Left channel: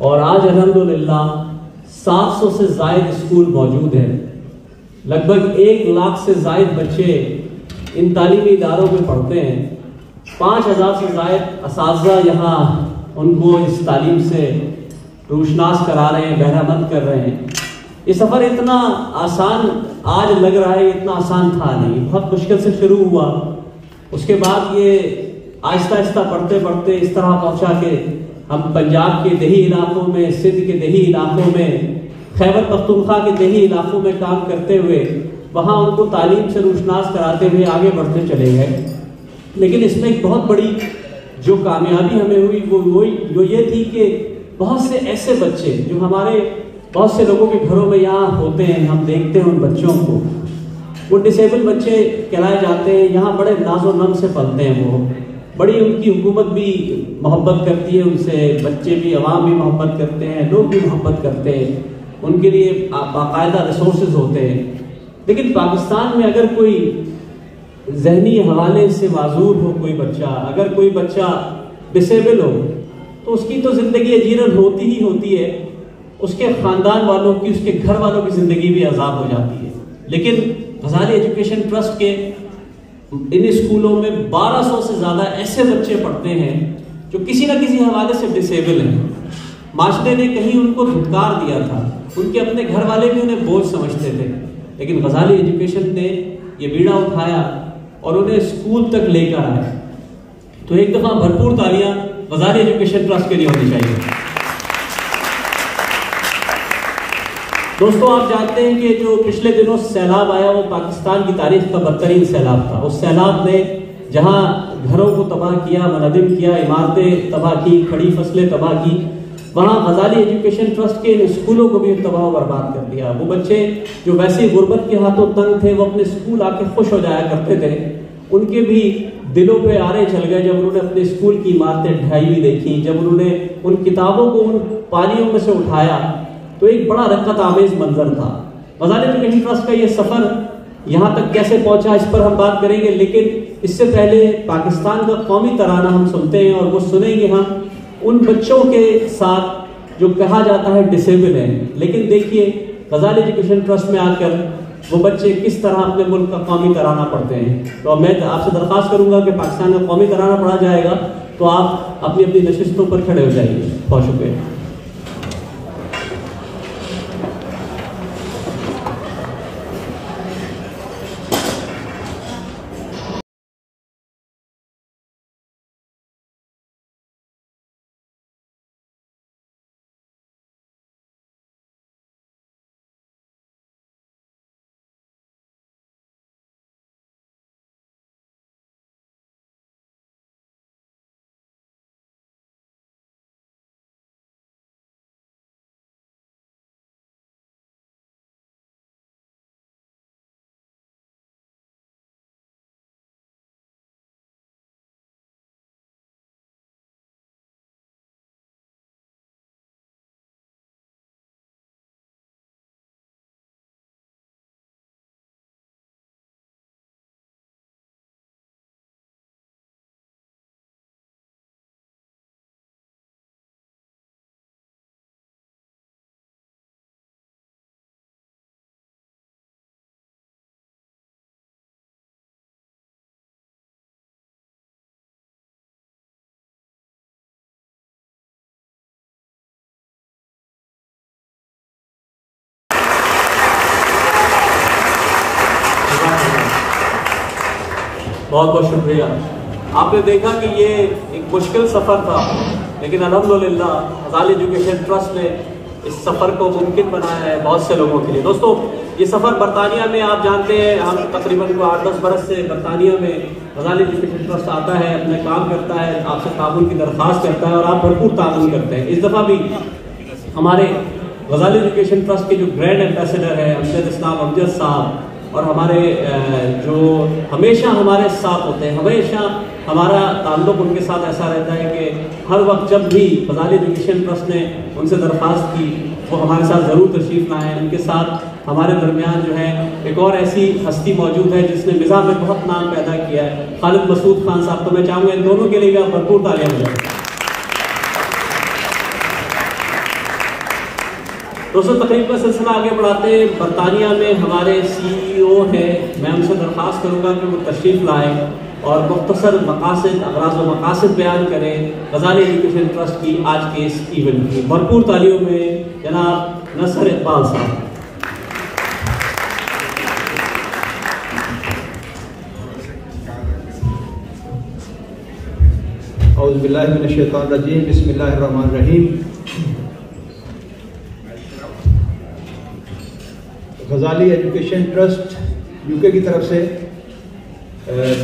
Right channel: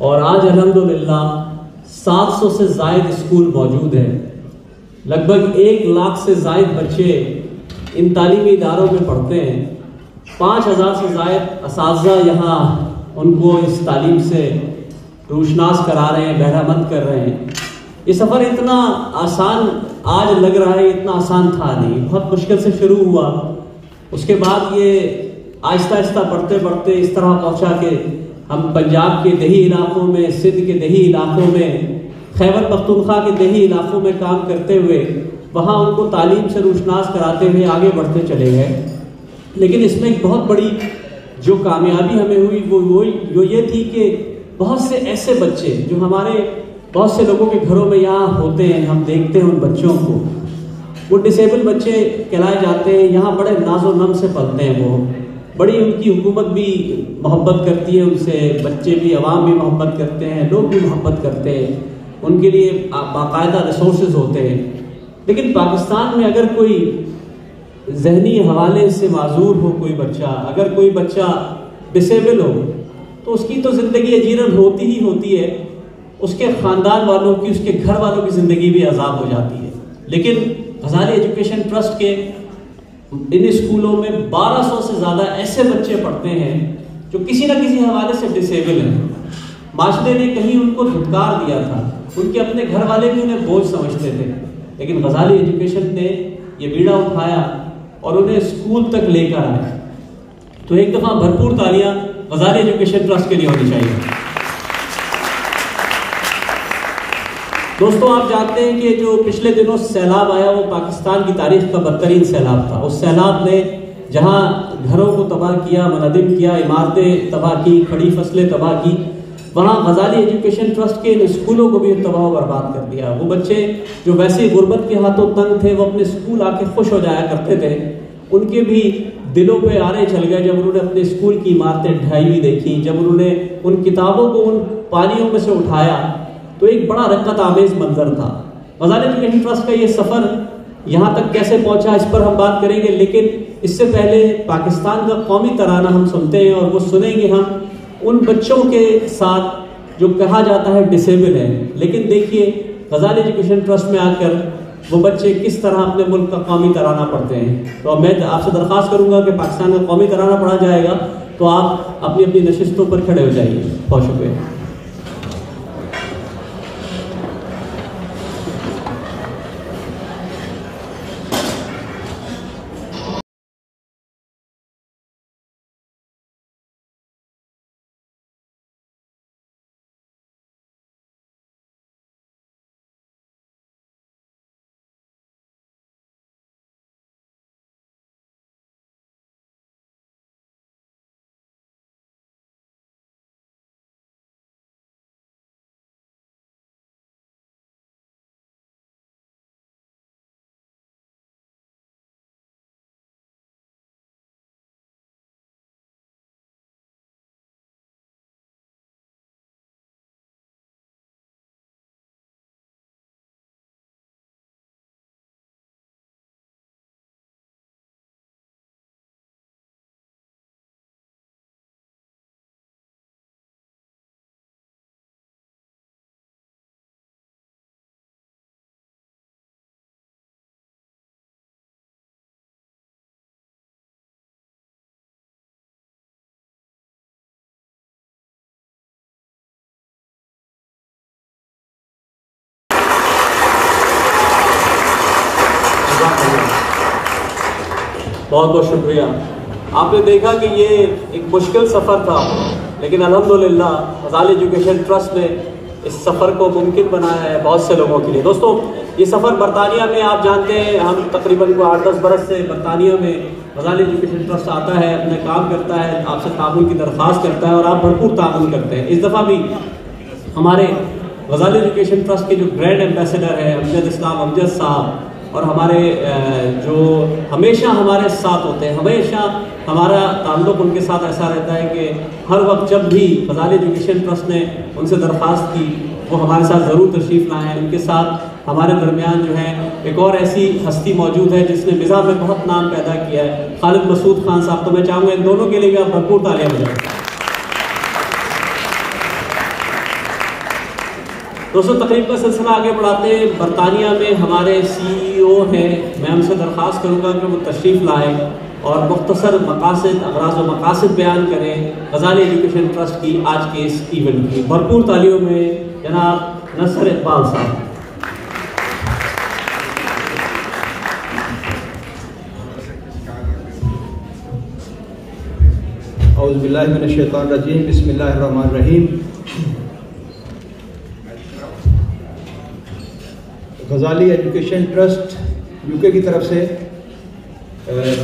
اور آج الحمدللہ 700 سے زائد اسکول موجود ہیں. لگ بھگ 1 لاکھ سے زائد بچے ان تعلیمی اداروں میں پڑھتے ہیں. 5000 سے زائد اساتذہ یہاں ان کو اس تعلیم سے روشناس کرا رہے ہیں، بہرامند کر رہے ہیں. یہ سفر اتنا آسان آج لگ رہا ہے، اتنا آسان تھا نہیں، بہت مشکل سے شروع ہوا. اس کے بعد یہ آہستہ آہستہ بڑھتے بڑھتے اس طرح پہنچا کہ ہم پنجاب کے دیہی علاقوں میں، سندھ کے دیہی علاقوں میں، خیبر پختونخوا کے دیہی علاقوں میں کام کرتے ہوئے وہاں ان کو تعلیم سے روشناس کراتے ہوئے آگے بڑھتے چلے گئے. لیکن اس میں ایک بہت بڑی جو کامیابی ہمیں ہوئی وہ یہ تھی کہ بہت سے ایسے بچے جو ہمارے بہت سے لوگوں کے گھروں میں یہاں ہوتے ہیں، ہم دیکھتے ہیں ان بچوں کو، وہ ڈسیبل بچے کہلائے جاتے ہیں. یہاں بڑے ناز و نم سے پلتے ہیں، وہ بڑی ان کی حکومت بھی محبت کرتی ہے ان سے، بچے بھی، عوام بھی محبت کرتے ہیں، لوگ بھی محبت کرتے ہیں، ان کے لیے باقاعدہ ریسورسز ہوتے ہیں. لیکن پاکستان میں اگر کوئی ذہنی حوالے سے معذور ہو کوئی بچہ، اگر کوئی بچہ ڈسیبل ہو تو اس کی تو زندگی اجیرن ہوتی ہی ہوتی ہے، اس کے خاندان والوں کی، اس کے گھر والوں کی زندگی بھی عذاب ہو جاتی ہے. لیکن غزالی ایجوکیشن ٹرسٹ کے ان اسکولوں میں 1200 سے زیادہ ایسے بچے پڑھتے ہیں جو کسی نہ کسی حوالے سے ڈسیبل ہیں. معاشرے نے کہیں ان کو دھتکار دیا تھا، ان کے اپنے گھر والے بھی انہیں بوجھ سمجھتے تھے، لیکن غزالی ایجوکیشن نے یہ بیڑا اٹھایا اور انہیں اسکول تک لے کر آیا. تو ایک دفعہ بھرپور تالیاں غزالی ایجوکیشن ٹرسٹ کے لیے ہونی چاہیے. دوستوں، آپ جانتے ہیں کہ جو پچھلے دنوں سیلاب آیا وہ پاکستان کی تاریخ کا بدترین سیلاب تھا. اس سیلاب نے جہاں گھروں کو تباہ کیا، منہدم کیا، عمارتیں تباہ کی، کھڑی فصلیں تباہ کی، وہاں غزالی ایجوکیشن ٹرسٹ کے اسکولوں کو بھی تباہ و برباد کر دیا. وہ بچے جو ویسے غربت کے ہاتھوں تنگ تھے، وہ اپنے اسکول آ کے خوش ہو جایا کرتے تھے، ان کے بھی دلوں پہ آرے چل گئے جب انہوں نے اپنے اسکول کی عمارتیں ڈھائی ہوئی دیکھی، جب انہوں نے ان کتابوں کو ان پانیوں میں سے اٹھایا تو ایک بڑا رقت آمیز منظر تھا. غزالی ایجوکیشن ٹرسٹ کا یہ سفر یہاں تک کیسے پہنچا اس پر ہم بات کریں گے، لیکن اس سے پہلے پاکستان کا قومی ترانہ ہم سنتے ہیں اور وہ سنیں گے ہم ان بچوں کے ساتھ جو کہا جاتا ہے ڈسیبل ہے. لیکن دیکھیے غزالی ایجوکیشن ٹرسٹ میں آ کر وہ بچے کس طرح اپنے ملک کا قومی ترانہ پڑھتے ہیں. تو میں آپ سے درخواست کروں گا کہ پاکستان کا قومی ترانہ پڑھا جائے گا تو آپ اپنی اپنی نشستوں پر کھڑے ہو جائیے. بہت شکریہ. بہت بہت شکریہ. آپ نے دیکھا کہ یہ ایک مشکل سفر تھا، لیکن الحمدللہ غزالی ایجوکیشن ٹرسٹ نے اس سفر کو ممکن بنایا ہے بہت سے لوگوں کے لیے. دوستوں، یہ سفر برطانیہ میں آپ جانتے ہیں، ہم تقریباً 8-10 برس سے برطانیہ میں غزالی ایجوکیشن ٹرسٹ آتا ہے، اپنے کام کرتا ہے، آپ سے تعاون کی درخواست کرتا ہے اور آپ بھرپور تعاون کرتے ہیں. اس دفعہ بھی ہمارے غزالی ایجوکیشن ٹرسٹ کے جو برانڈ ایمبیسڈر ہیں امجد اسلام امجد صاحب، اور ہمارے جو ہمیشہ ہمارے ساتھ ہوتے ہیں، ہمیشہ ہمارا تعلق ان کے ساتھ ایسا رہتا ہے کہ ہر وقت جب بھی غزالی ایجوکیشن ٹرسٹ نے ان سے درخواست کی وہ ہمارے ساتھ ضرور تشریف لائیں. ان کے ساتھ ہمارے درمیان جو ہے ایک اور ایسی ہستی موجود ہے جس نے مزاح میں بہت نام پیدا کیا ہے، خالد مسعود خان صاحب. تو میں چاہوں گا ان دونوں کے لیے بھی آپ بھرپور تالیاں بجائیں. دوستوں تقریب کا سلسلہ آگے بڑھاتے ہیں. برطانیہ میں ہمارے CEO ہیں، میں ان سے درخواست کروں گا کہ وہ تشریف لائیں اور مختصر مقاصد، اغراض و مقاصد بیان کریں غزالی ایجوکیشن ٹرسٹ کی آج کے اس ایونٹ کی. بھرپور تالیوں میں جناب نصر اقبال صاحب. اعوذ باللہ من الشیطان الرجیم، بسم اللہ الرحمن الرحیم. غزالی ایجوکیشن ٹرسٹ UK کی طرف سے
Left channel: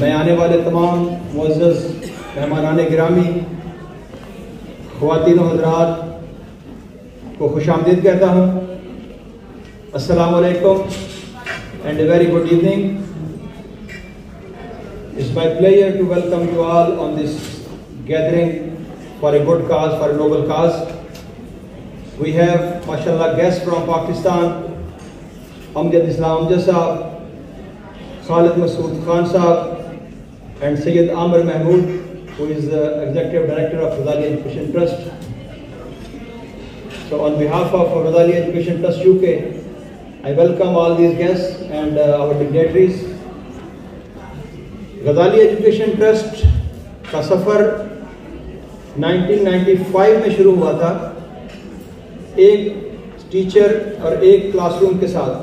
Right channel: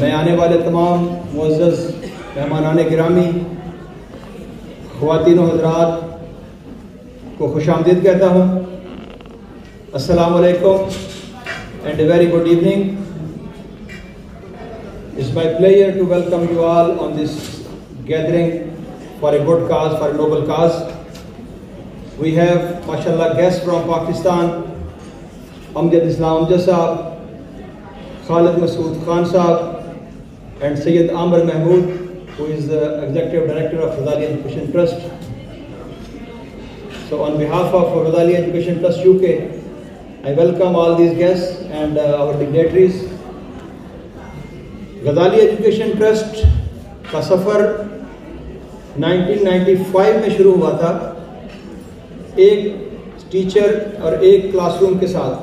میں آنے والے تمام معزز مہمانان گرامی، خواتین و حضرات کو خوش آمدید کہتا ہوں. السلام علیکم and a very good evening. It's my pleasure to welcome you all on this gathering for a good cause, for a noble cause. We have, mashallah, guests from Pakistan, Amjad Islam Amjad Sahab, Khalid Masood Khan Sahab, and Sayyid Amr Mahmood, who is the Executive Director of Ghazali Education Trust. So on behalf of Ghazali Education Trust UK, I welcome all these guests and our dignitaries. Ghazali education trust کا سفر 1995 میں شروع ہوا تھا، ایک teacher اور ایک class room کے ساتھ.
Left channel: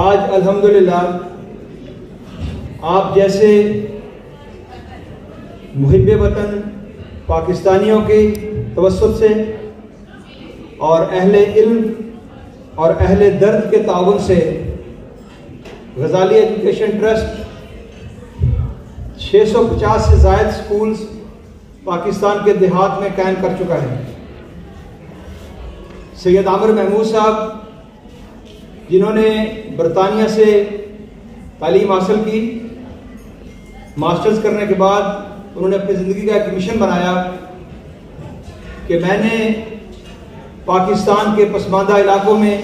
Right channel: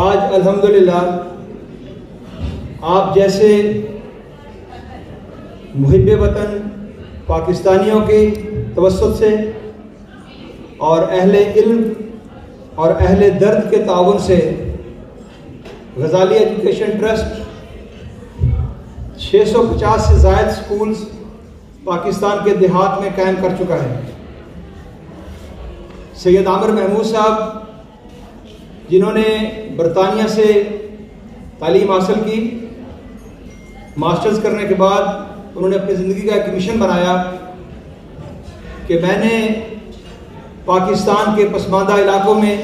آج الحمدللہ آپ جیسے محب وطن پاکستانیوں کی توسط سے اور اہل علم اور اہل درد کے تعاون سے غزالی ایجوکیشن ٹرسٹ 650 سے زائد سکولز پاکستان کے دیہات میں قائم کر چکا ہے. سید عامر محمود صاحب جنہوں نے برطانیہ سے تعلیم حاصل کی، ماسٹرز کرنے کے بعد انہوں نے اپنی زندگی کا ایک مشن بنایا کہ میں نے پاکستان کے پسماندہ علاقوں میں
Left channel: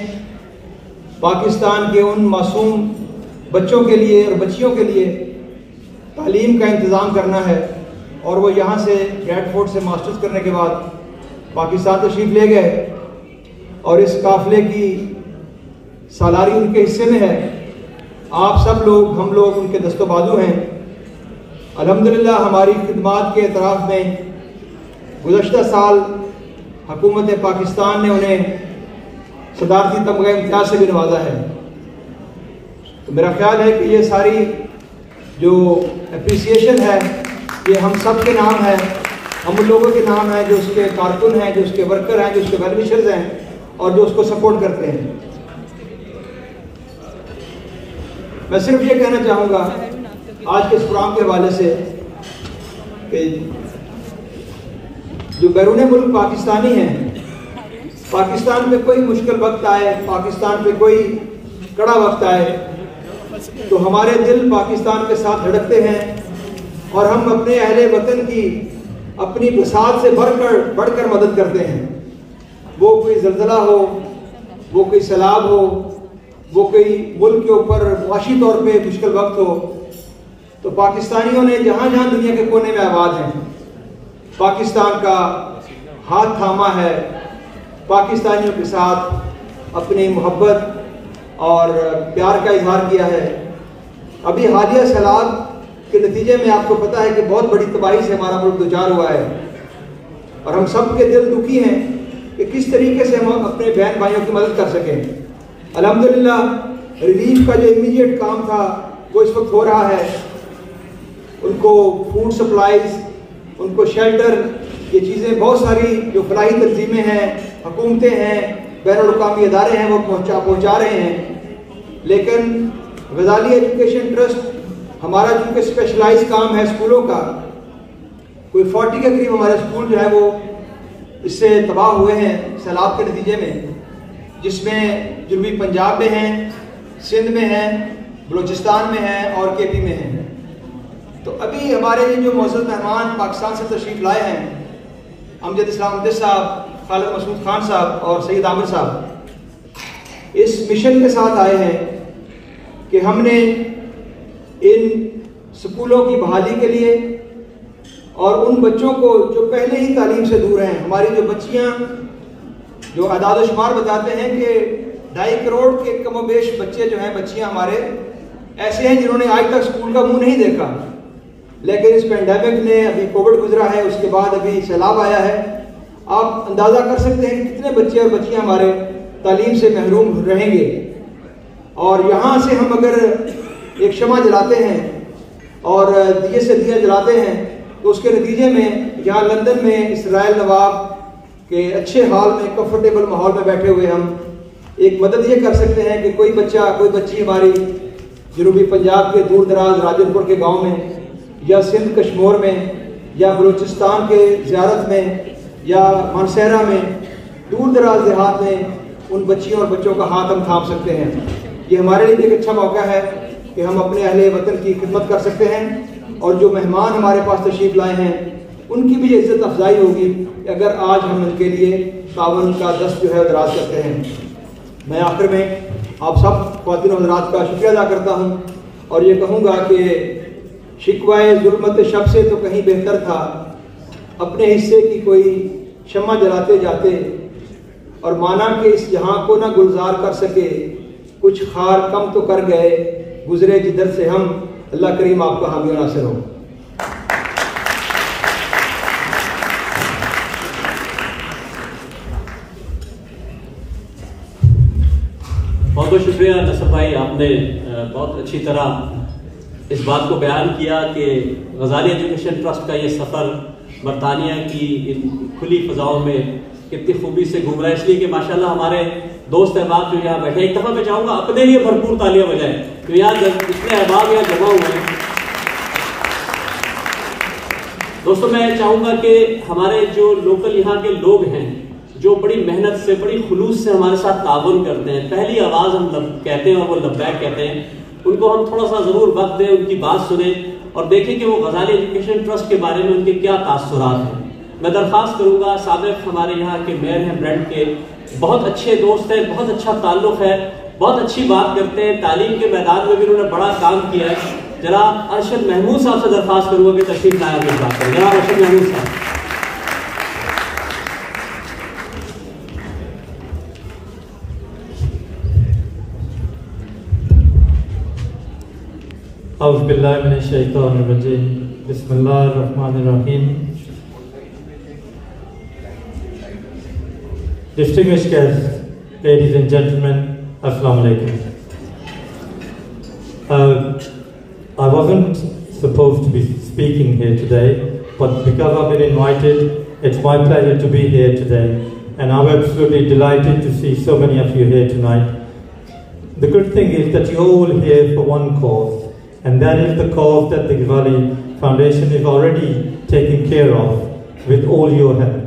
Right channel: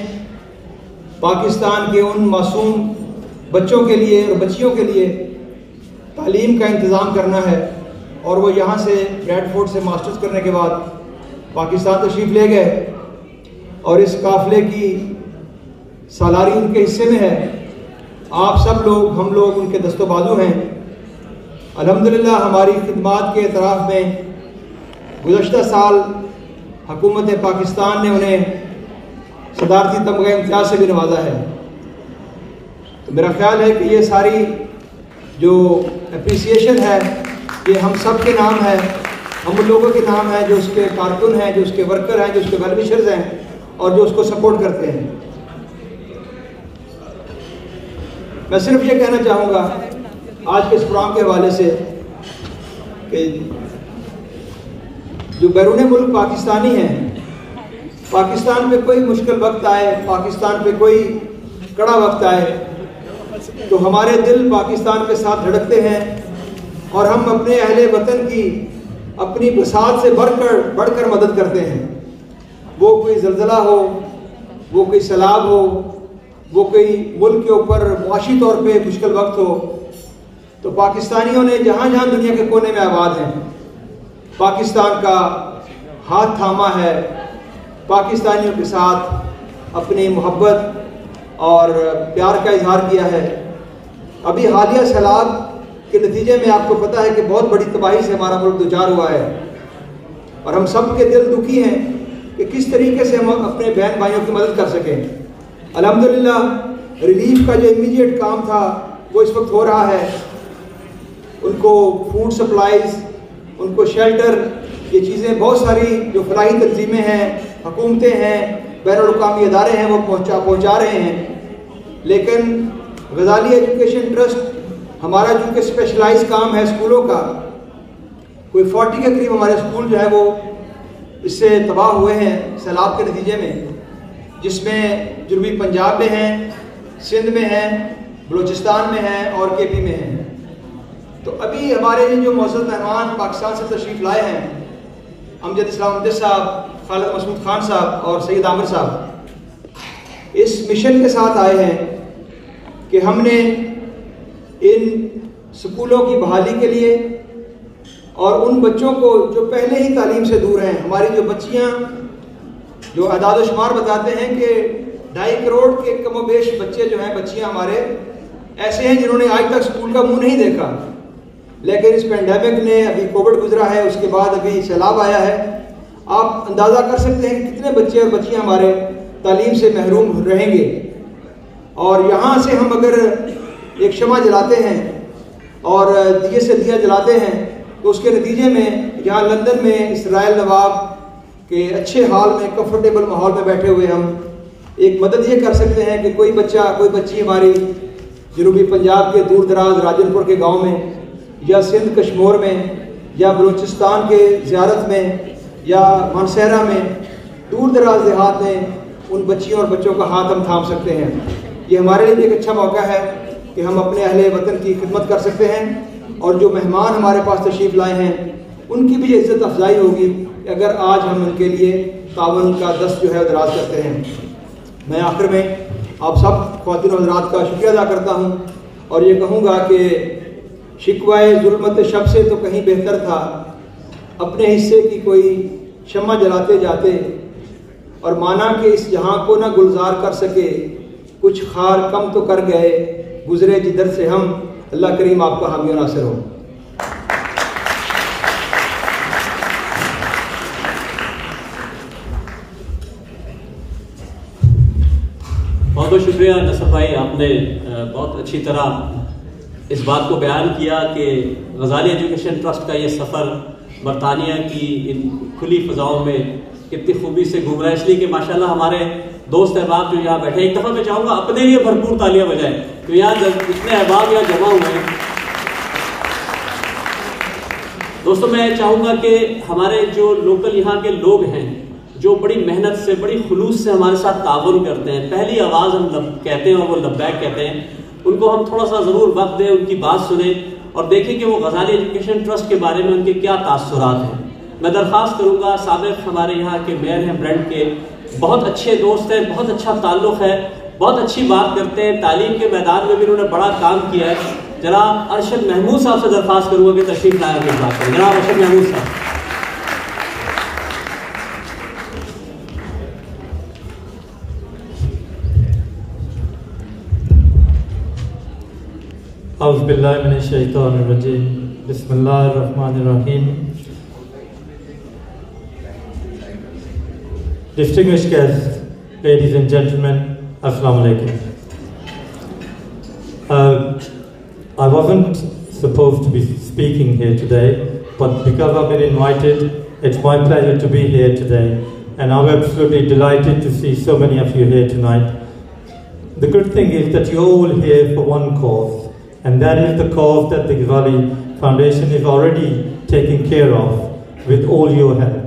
پاکستان کے ان معصوم بچوں کے لیے اور بچیوں کے لیے تعلیم کا انتظام کرنا ہے. اور وہ یہاں سے بریڈفورڈ سے ماسٹرز کرنے کے بعد پاکستان تشریف لے گئے اور اس قافلے کی سالاری ان کے حصے میں ہے. آپ سب لوگ، ہم لوگ ان کے دست و بازو ہیں. الحمدللہ ہماری خدمات کے اعتراف میں گزشتہ سال حکومت پاکستان نے انہیں صدارتی تمغہ امتیاز سے بھی نوازا ہے. تو میرا خیال ہے کہ یہ ساری جو اپریسیشن ہے یہ ہم سب کے نام ہے، ہم ان لوگوں کے نام ہے جو اس کے کارکن ہیں، جو اس کے ورکر ہیں، جو اس کے ویل وشرز ہیں اور جو اس کو سپورٹ کرتے ہیں. میں صرف یہ کہنا چاہوں گا آج کے اس پروگرام کے حوالے سے کہ جو بیرون ملک پاکستانی ہیں، پاکستان پہ کوئی مشکل وقت آئے، پاکستان پہ کوئی کڑا وقت آئے تو ہمارے دل پاکستان کے ساتھ دھڑکتے ہیں اور ہم اپنے اہل وطن کی اپنی وسعت سے بڑھ کر مدد کرتے ہیں. وہ کوئی زلزلہ ہو، وہ کوئی سیلاب ہو، وہ کوئی ملک کے اوپر معاشی طور پہ مشکل وقت ہو، تو پاکستانیوں نے جہاں جہاں دنیا کے کونے میں آباد ہیں پاکستان کا ہاتھ تھاما ہے، پاکستانیوں کے ساتھ اپنی محبت اور پیار کا اظہار کیا ہے. ابھی حالیہ سیلاب کے نتیجے میں آپ کو پتا ہے کہ بہت بڑی تباہی سے ہمارا ملک دوچار ہوا ہے اور ہم سب کے دل دکھی ہیں کہ کس طریقے سے ہم اپنے بہن بھائیوں کی مدد کر سکیں. الحمدللہ ریلیف کا جو امیڈیٹ کام تھا وہ اس وقت ہو رہا ہے. ان کو فوڈ سپلائیز، ان کو شیلٹر، یہ چیزیں بہت ساری جو فلاحی تنظیمیں ہیں، حکومتیں ہیں، بین الاقوامی ادارے ہیں وہ پہنچا رہے ہیں. لیکن غزالی ایجوکیشن ٹرسٹ ہمارا جو کہ اسپیشلائز کام ہے اسکولوں کا، کوئی 40 کے قریب ہمارے اسکول جو ہے وہ اس سے تباہ ہوئے ہیں سیلاب کے نتیجے میں، جس میں جنوبی پنجاب میں ہیں، سندھ میں ہیں، بلوچستان میں ہیں اور KP میں ہیں. تو ابھی ہمارے جو معزز مہمان پاکستان سے تشریف لائے ہیں، امجد اسلام امجد صاحب، خالد مسعود خان صاحب اور سید عامر صاحب، اس مشن کے ساتھ آئے ہیں کہ ہم نے ان سکولوں کی بحالی کے لیے اور ان بچوں کو جو پہلے ہی تعلیم سے دور ہیں، ہماری جو بچیاں جو اعداد و شمار بتاتے ہیں کہ 2.5 کروڑ کے کم و بیش بچے جو ہیں، بچیاں ہمارے ایسے ہیں جنہوں نے آج تک اسکول کا منہ نہیں دیکھا، لیکن اس پینڈیمک نے، ابھی کووڈ گزرا ہے، اس کے بعد ابھی سیلاب آیا ہے، آپ اندازہ کر سکتے ہیں کتنے بچے اور بچیاں ہمارے تعلیم سے محروم رہیں گے۔ اور یہاں سے ہم اگر ایک شمع جلاتے ہیں اور دیے سے دیا جلاتے ہیں تو اس کے نتیجے میں یہاں لندن میں اسرائیل نواب کے اچھے حال میں، کمفرٹیبل ماحول میں بیٹھے ہوئے ہم ایک مدد یہ کر سکتے ہیں کہ کوئی بچہ، کوئی بچی ہماری جنوبی پنجاب کے دور دراز راجن پور کے گاؤں میں، یا سندھ کشمور میں، یا بلوچستان کے زیارت میں، یا مانسہرہ میں، دور دراز دیہات میں ان بچیوں اور بچوں کا ہاتھ ہم تھام سکتے ہیں۔ یہ ہمارے لیے بھی ایک اچھا موقع ہے کہ ہم اپنے اہل وطن کی خدمت کر سکتے ہیں، اور جو مہمان ہمارے پاس تشریف لائے ہیں ان کی بھی عزت افزائی ہوگی کہ اگر آج ہم ان کے لیے تعاون کا دست جو ہے دراز کرتے ہیں۔ میں آخر میں آپ سب خواتین و حضرات کا شکریہ ادا کرتا ہوں اور یہ کہوں گا کہ شکوائے ظلمت شب سے تو کہیں بہتر تھا اپنے حصے کی کوئی شمع جلاتے جاتے، اور مانا کہ اس جہاں کو نہ گلزار کر سکے، کچھ خار کم تو کر گئے گزرے جدھر سے ہم۔ اللہ کریم آپ کا حامی و ناصر ہو۔ بہت بہت شکریہ نصر بھائی، آپ نے بہت اچھی طرح اس بات کو بیان کیا کہ غزالی ایجوکیشن ٹرسٹ کا یہ سفر برطانیہ کی ان کھلی فضاؤں میں کتنی خوبی سے گزرا ہے، اس لیے کہ ماشاءاللہ ہمارے دوست احباب جو یہاں بیٹھے، ایک دفعہ میں چاہوں گا اپنے لیے بھرپور تالیاں بجائیں، تو یہاں جب اتنے احباب یہاں جمع ہوئے ہیں۔ دوستوں میں چاہوں گا کہ ہمارے جو لوکل یہاں کے لوگ ہیں، جو بڑی محنت سے، بڑی خلوص سے ہمارے ساتھ تعاون کرتے ہیں، پہلی آواز ہم کہتے ہیں اور وہ لبیک کہتے ہیں، ان کو ہم تھوڑا سا ضرور وقت دیں، ان کی بات سنیں اور دیکھیں کہ وہ غزالی ایجوکیشن ٹرسٹ کے بارے میں ان کے کیا تاثرات ہیں۔ میں درخواست کروں گا، سابق ہمارے یہاں کے میئر ہیں برنٹ کے، بہت اچھے دوست ہیں، بہت اچھا تعلق ہے، بہت اچھی بات کرتے ہیں، تعلیم کے میدان میں بھی انہوں نے بڑا کام کیا ہے۔ جناب ارشد محمود صاحب سے درخواست کروں گا کہ تشریف لائیں گے بات کریں۔ جناب ارشد محمود صاحب۔ اعوذ باللہ من الشیطان الرجیم، بسم اللہ الرحمن الرحیم۔ Distinguished guests, ladies and gentlemen, Assalamu alaikum. I wasn't supposed to be speaking here today, but because I've been invited, it's my pleasure to be here today, and I'm absolutely delighted to see so many of you here tonight. The good thing is that you're all here for one cause, and that is the cause that the Ghazali Foundation is already taking care of with all your help.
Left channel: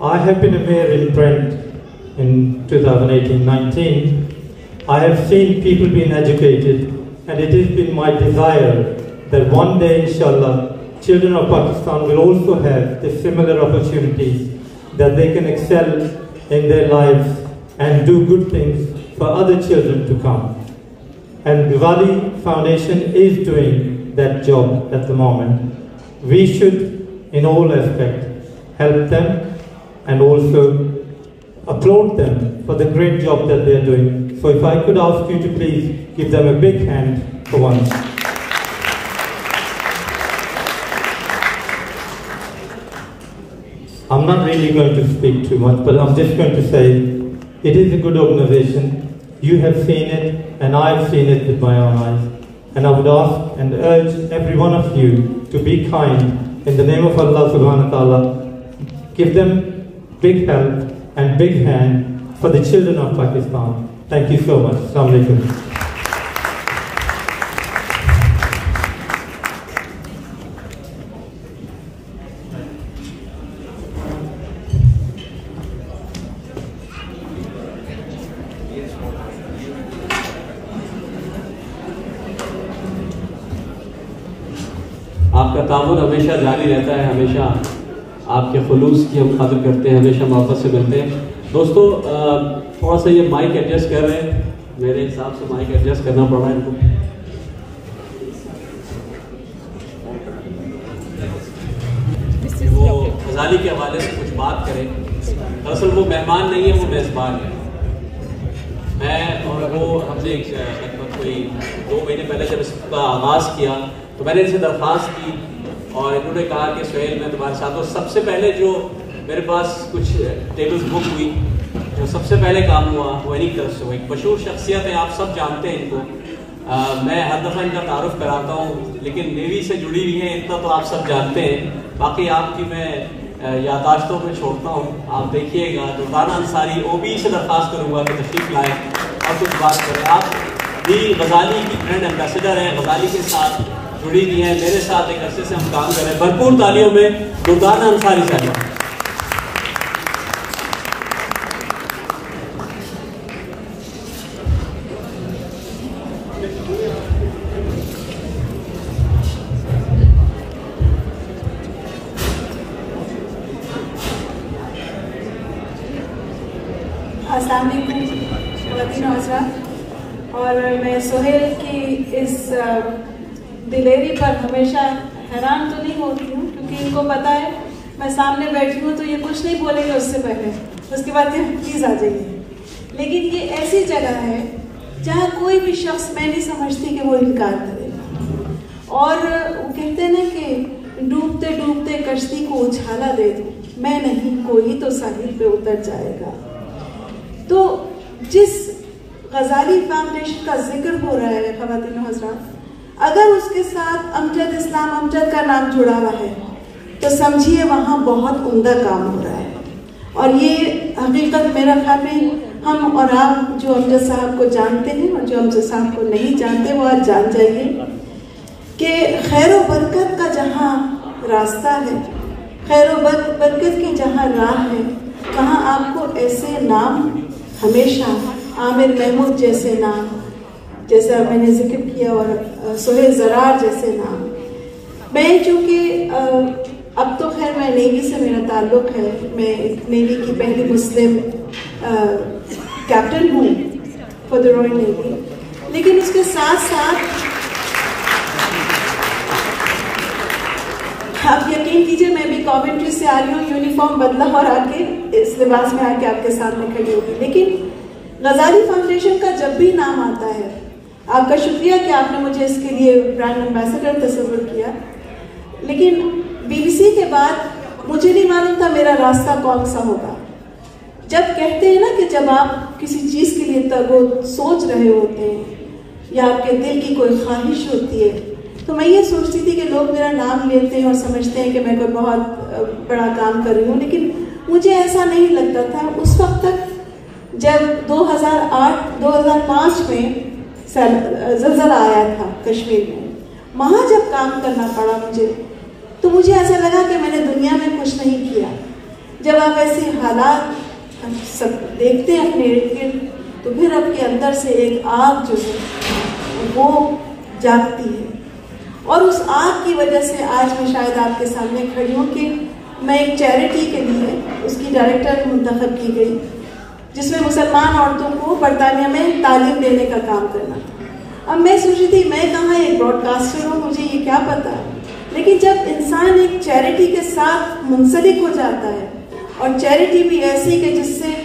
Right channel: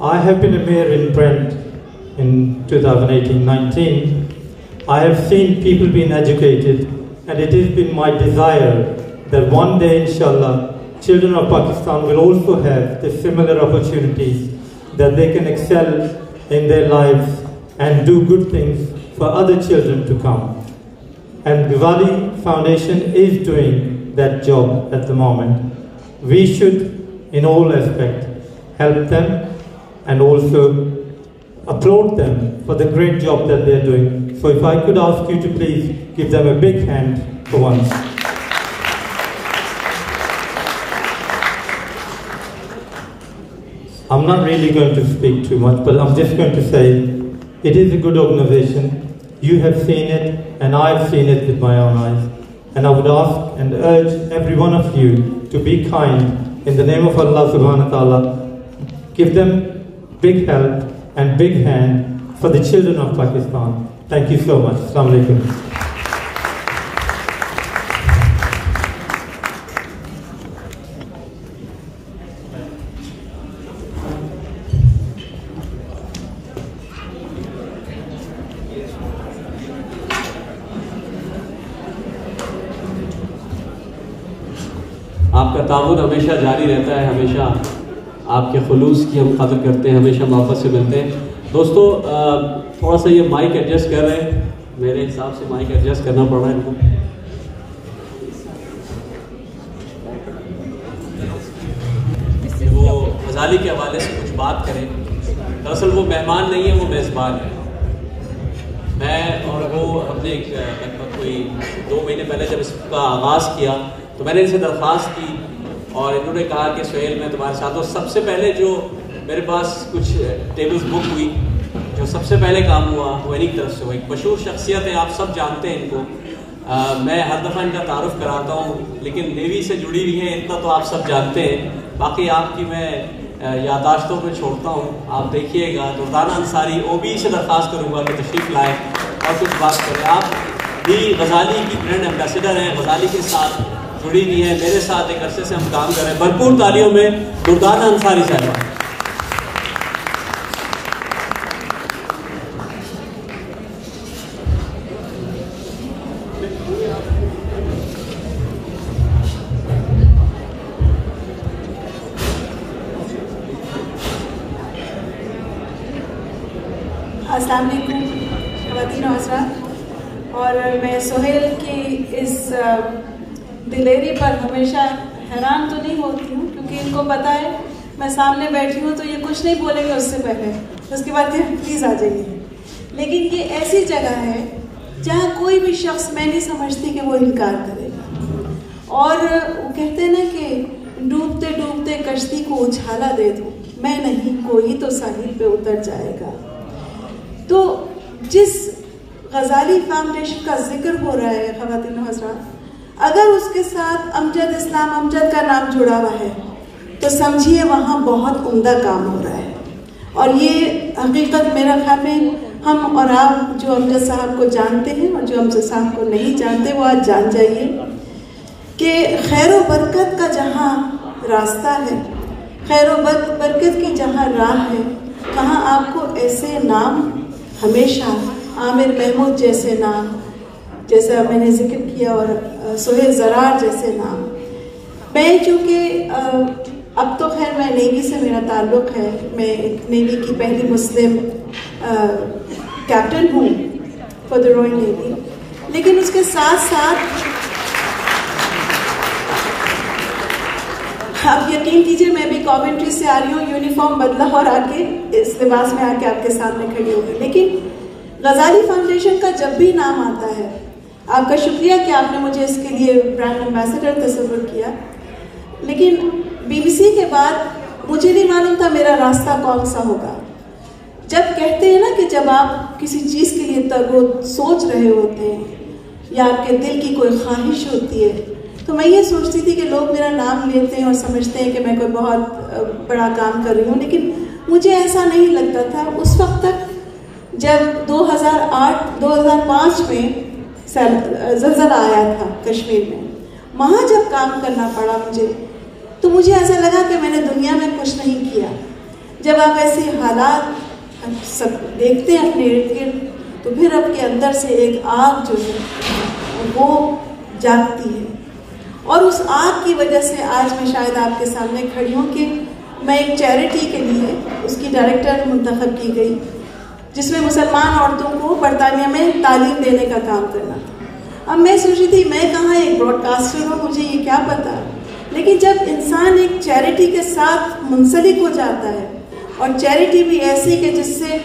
I have been a mayor in Brent in 2018-19. I have seen people being educated, and it has been my desire that one day, inshallah, children of Pakistan will also have the similar opportunities, that they can excel in their lives and do good things for other children to come. And Ghazali Foundation is doing that job at the moment. We should, in all aspects, help them and also applaud them for the great job that they're doing. So if I could ask you to please give them a big hand for once. I'm not really going to speak too much, but I'm just going to say it is a good organization. You have seen it, and I've seen it with my own eyes. And I would ask and urge every one of you to be kind in the name of Allah subhanahu wa ta'ala. Give them big help and big hand for the children of Pakistan. Thank you so much. Assalamu alaikum. آپ کا تعاون ہمیشہ جاری رہتا ہے، ہمیشہ آپ کے خلوص کی ہم قدر کرتے ہیں، ہمیشہ محبت سے ملتے ہیں۔ دوستو تھوڑا سا یہ مائک ایڈجسٹ کر رہے ہیں، میرے حساب سے مائک ایڈجسٹ کرنا پڑ رہا ہے ان کو۔ وہ غزالی کے حوالے سے کچھ بات کریں دراصل وہ مہمان نہیں ہے، وہ میزبان ہے. میں اور وہ ہم نے کوئی 2 مہینے پہلے جب اس کا آغاز کیا تو میں نے ان سے درخواست کی اور انہوں نے کہا کہ سہیل میں تمہارے ساتھ ہوں. سب سے پہلے جو میرے پاس کچھ ٹیبلز بک ہوئی، جو سب سے پہلے کام ہوا وہ انہی طرف سے ہوا. ایک مشہور شخصیت ہے، آپ سب جانتے ہیں ان کو. میں ہر دفعہ ان کا تعارف کراتا ہوں لیکن نیوی سے جڑی ہوئی ہے اتنا تو آپ سب جانتے ہیں. باقی آپ کی میں یادداشتوں میں چھوڑتا ہوں، آپ دیکھیے گا. دردانہ انصاری OB سے درخواست کروں گا کہ تشریف لائیں اور کچھ بات کریں. آپ بھی غزالی کی برانڈ ایمبیسڈر ہیں، غزالی کے ساتھ جڑی ہوئی ہیں، میرے ساتھ ایک عرصے سے ہم کام کر رہے ہیں. بھرپور تالیوں میں دردانہ انصاری صاحب. السلام علیکم خواتین و حضرات. اور میں سہیل کی اس ڈلیوری پر ہمیشہ حیران تو نہیں ہوتی ہوں کیونکہ ان کو پتا ہے میں سامنے بیٹھی ہوں تو یہ کچھ نہیں بولیں گے اس سے پہلے، اس کے بعد پلیز آ جائیے. لیکن یہ ایسی جگہ ہے جہاں کوئی بھی شخص میں نہیں سمجھتی کہ وہ انکار کرے گا. اور وہ کہتے ہیں نا کہ ڈوبتے ڈوبتے کشتی کو اچھالا دے دو، میں نہیں کوئی تو ساحل پہ اتر جائے گا. تو جس غزالی فاؤنڈیشن کا ذکر ہو رہا ہے خواتین و حضرات، اگر اس کے ساتھ امجد اسلام امجد کا نام جڑا ہوا ہے تو سمجھیے وہاں بہت عمدہ کام ہو رہا ہے. اور یہ حقیقت میرا خیال میں ہم اور آپ جو امجد صاحب کو جانتے ہیں اور جو امجد صاحب کو نہیں جانتے وہ آج جان جائیے کہ خیر و برکت کا جہاں راستہ ہے، خیر و برکت کی جہاں راہ ہے، وہاں آپ کو ایسے نام ہمیشہ عامر محمود جیسے نام، جیسا میں نے ذکر کیا، اور سہیل زرار جیسے نام. میں چونکہ اب تو خیر میں نیوی سے میرا تعلق ہے، میں ایک نیوی کی پہلی مسلم کیپٹن ہوں فار دا رائل نیوی، لیکن اس کے ساتھ ساتھ آپ یقین کیجئے میں بھی کوونٹری سے آ رہی ہوں، یونیفارم بدلا اور آ کے اس لباس میں آ کے آپ کے سامنے کھڑی ہوگی. لیکن غزالی فاؤنڈیشن کا جب بھی نام آتا ہے، آپ کا شکریہ کہ آپ نے مجھے اس کے لیے برانڈ ایمبیسڈر تصور کیا. لیکن BBC کے بعد مجھے نہیں معلوم تھا میرا راستہ کون سا ہوگا. جب کہتے ہیں نا کہ جب آپ کسی چیز کے لیے سوچ رہے ہوتے ہیں یا آپ کے دل کی کوئی خواہش ہوتی ہے، تو میں یہ سوچتی تھی کہ لوگ میرا نام لیتے ہیں اور سمجھتے ہیں کہ میں کوئی بہت بڑا کام کر رہی ہوں، لیکن مجھے ایسا نہیں لگتا تھا اس وقت تک جب 2008-2005 میں زلزلہ آیا تھا کشمیر میں. وہاں جب کام کرنا پڑا تو مجھے ایسا لگا کہ میں نے دنیا میں کچھ نہیں کیا. جب آپ ایسے حالات سب دیکھتے ہیں اپنے ارد گرد تو پھر آپ کے اندر سے ایک آگ جو ہے وہ جاگتی ہے، اور اس آگ کی وجہ سے آج میں شاید آپ کے سامنے کھڑی ہوں کہ میں ایک چیریٹی کے لیے اس کی ڈائریکٹر منتخب کی گئی جس میں مسلمان عورتوں کو برطانیہ میں تعلیم دینے کا کام کرنا. اب میں سوچ رہی تھی میں کہاں ایک براڈ کاسٹر ہوں، مجھے یہ کیا پتا. لیکن جب انسان ایک چیریٹی کے ساتھ منسلک ہو جاتا ہے، اور چیریٹی بھی ایسی کہ جس سے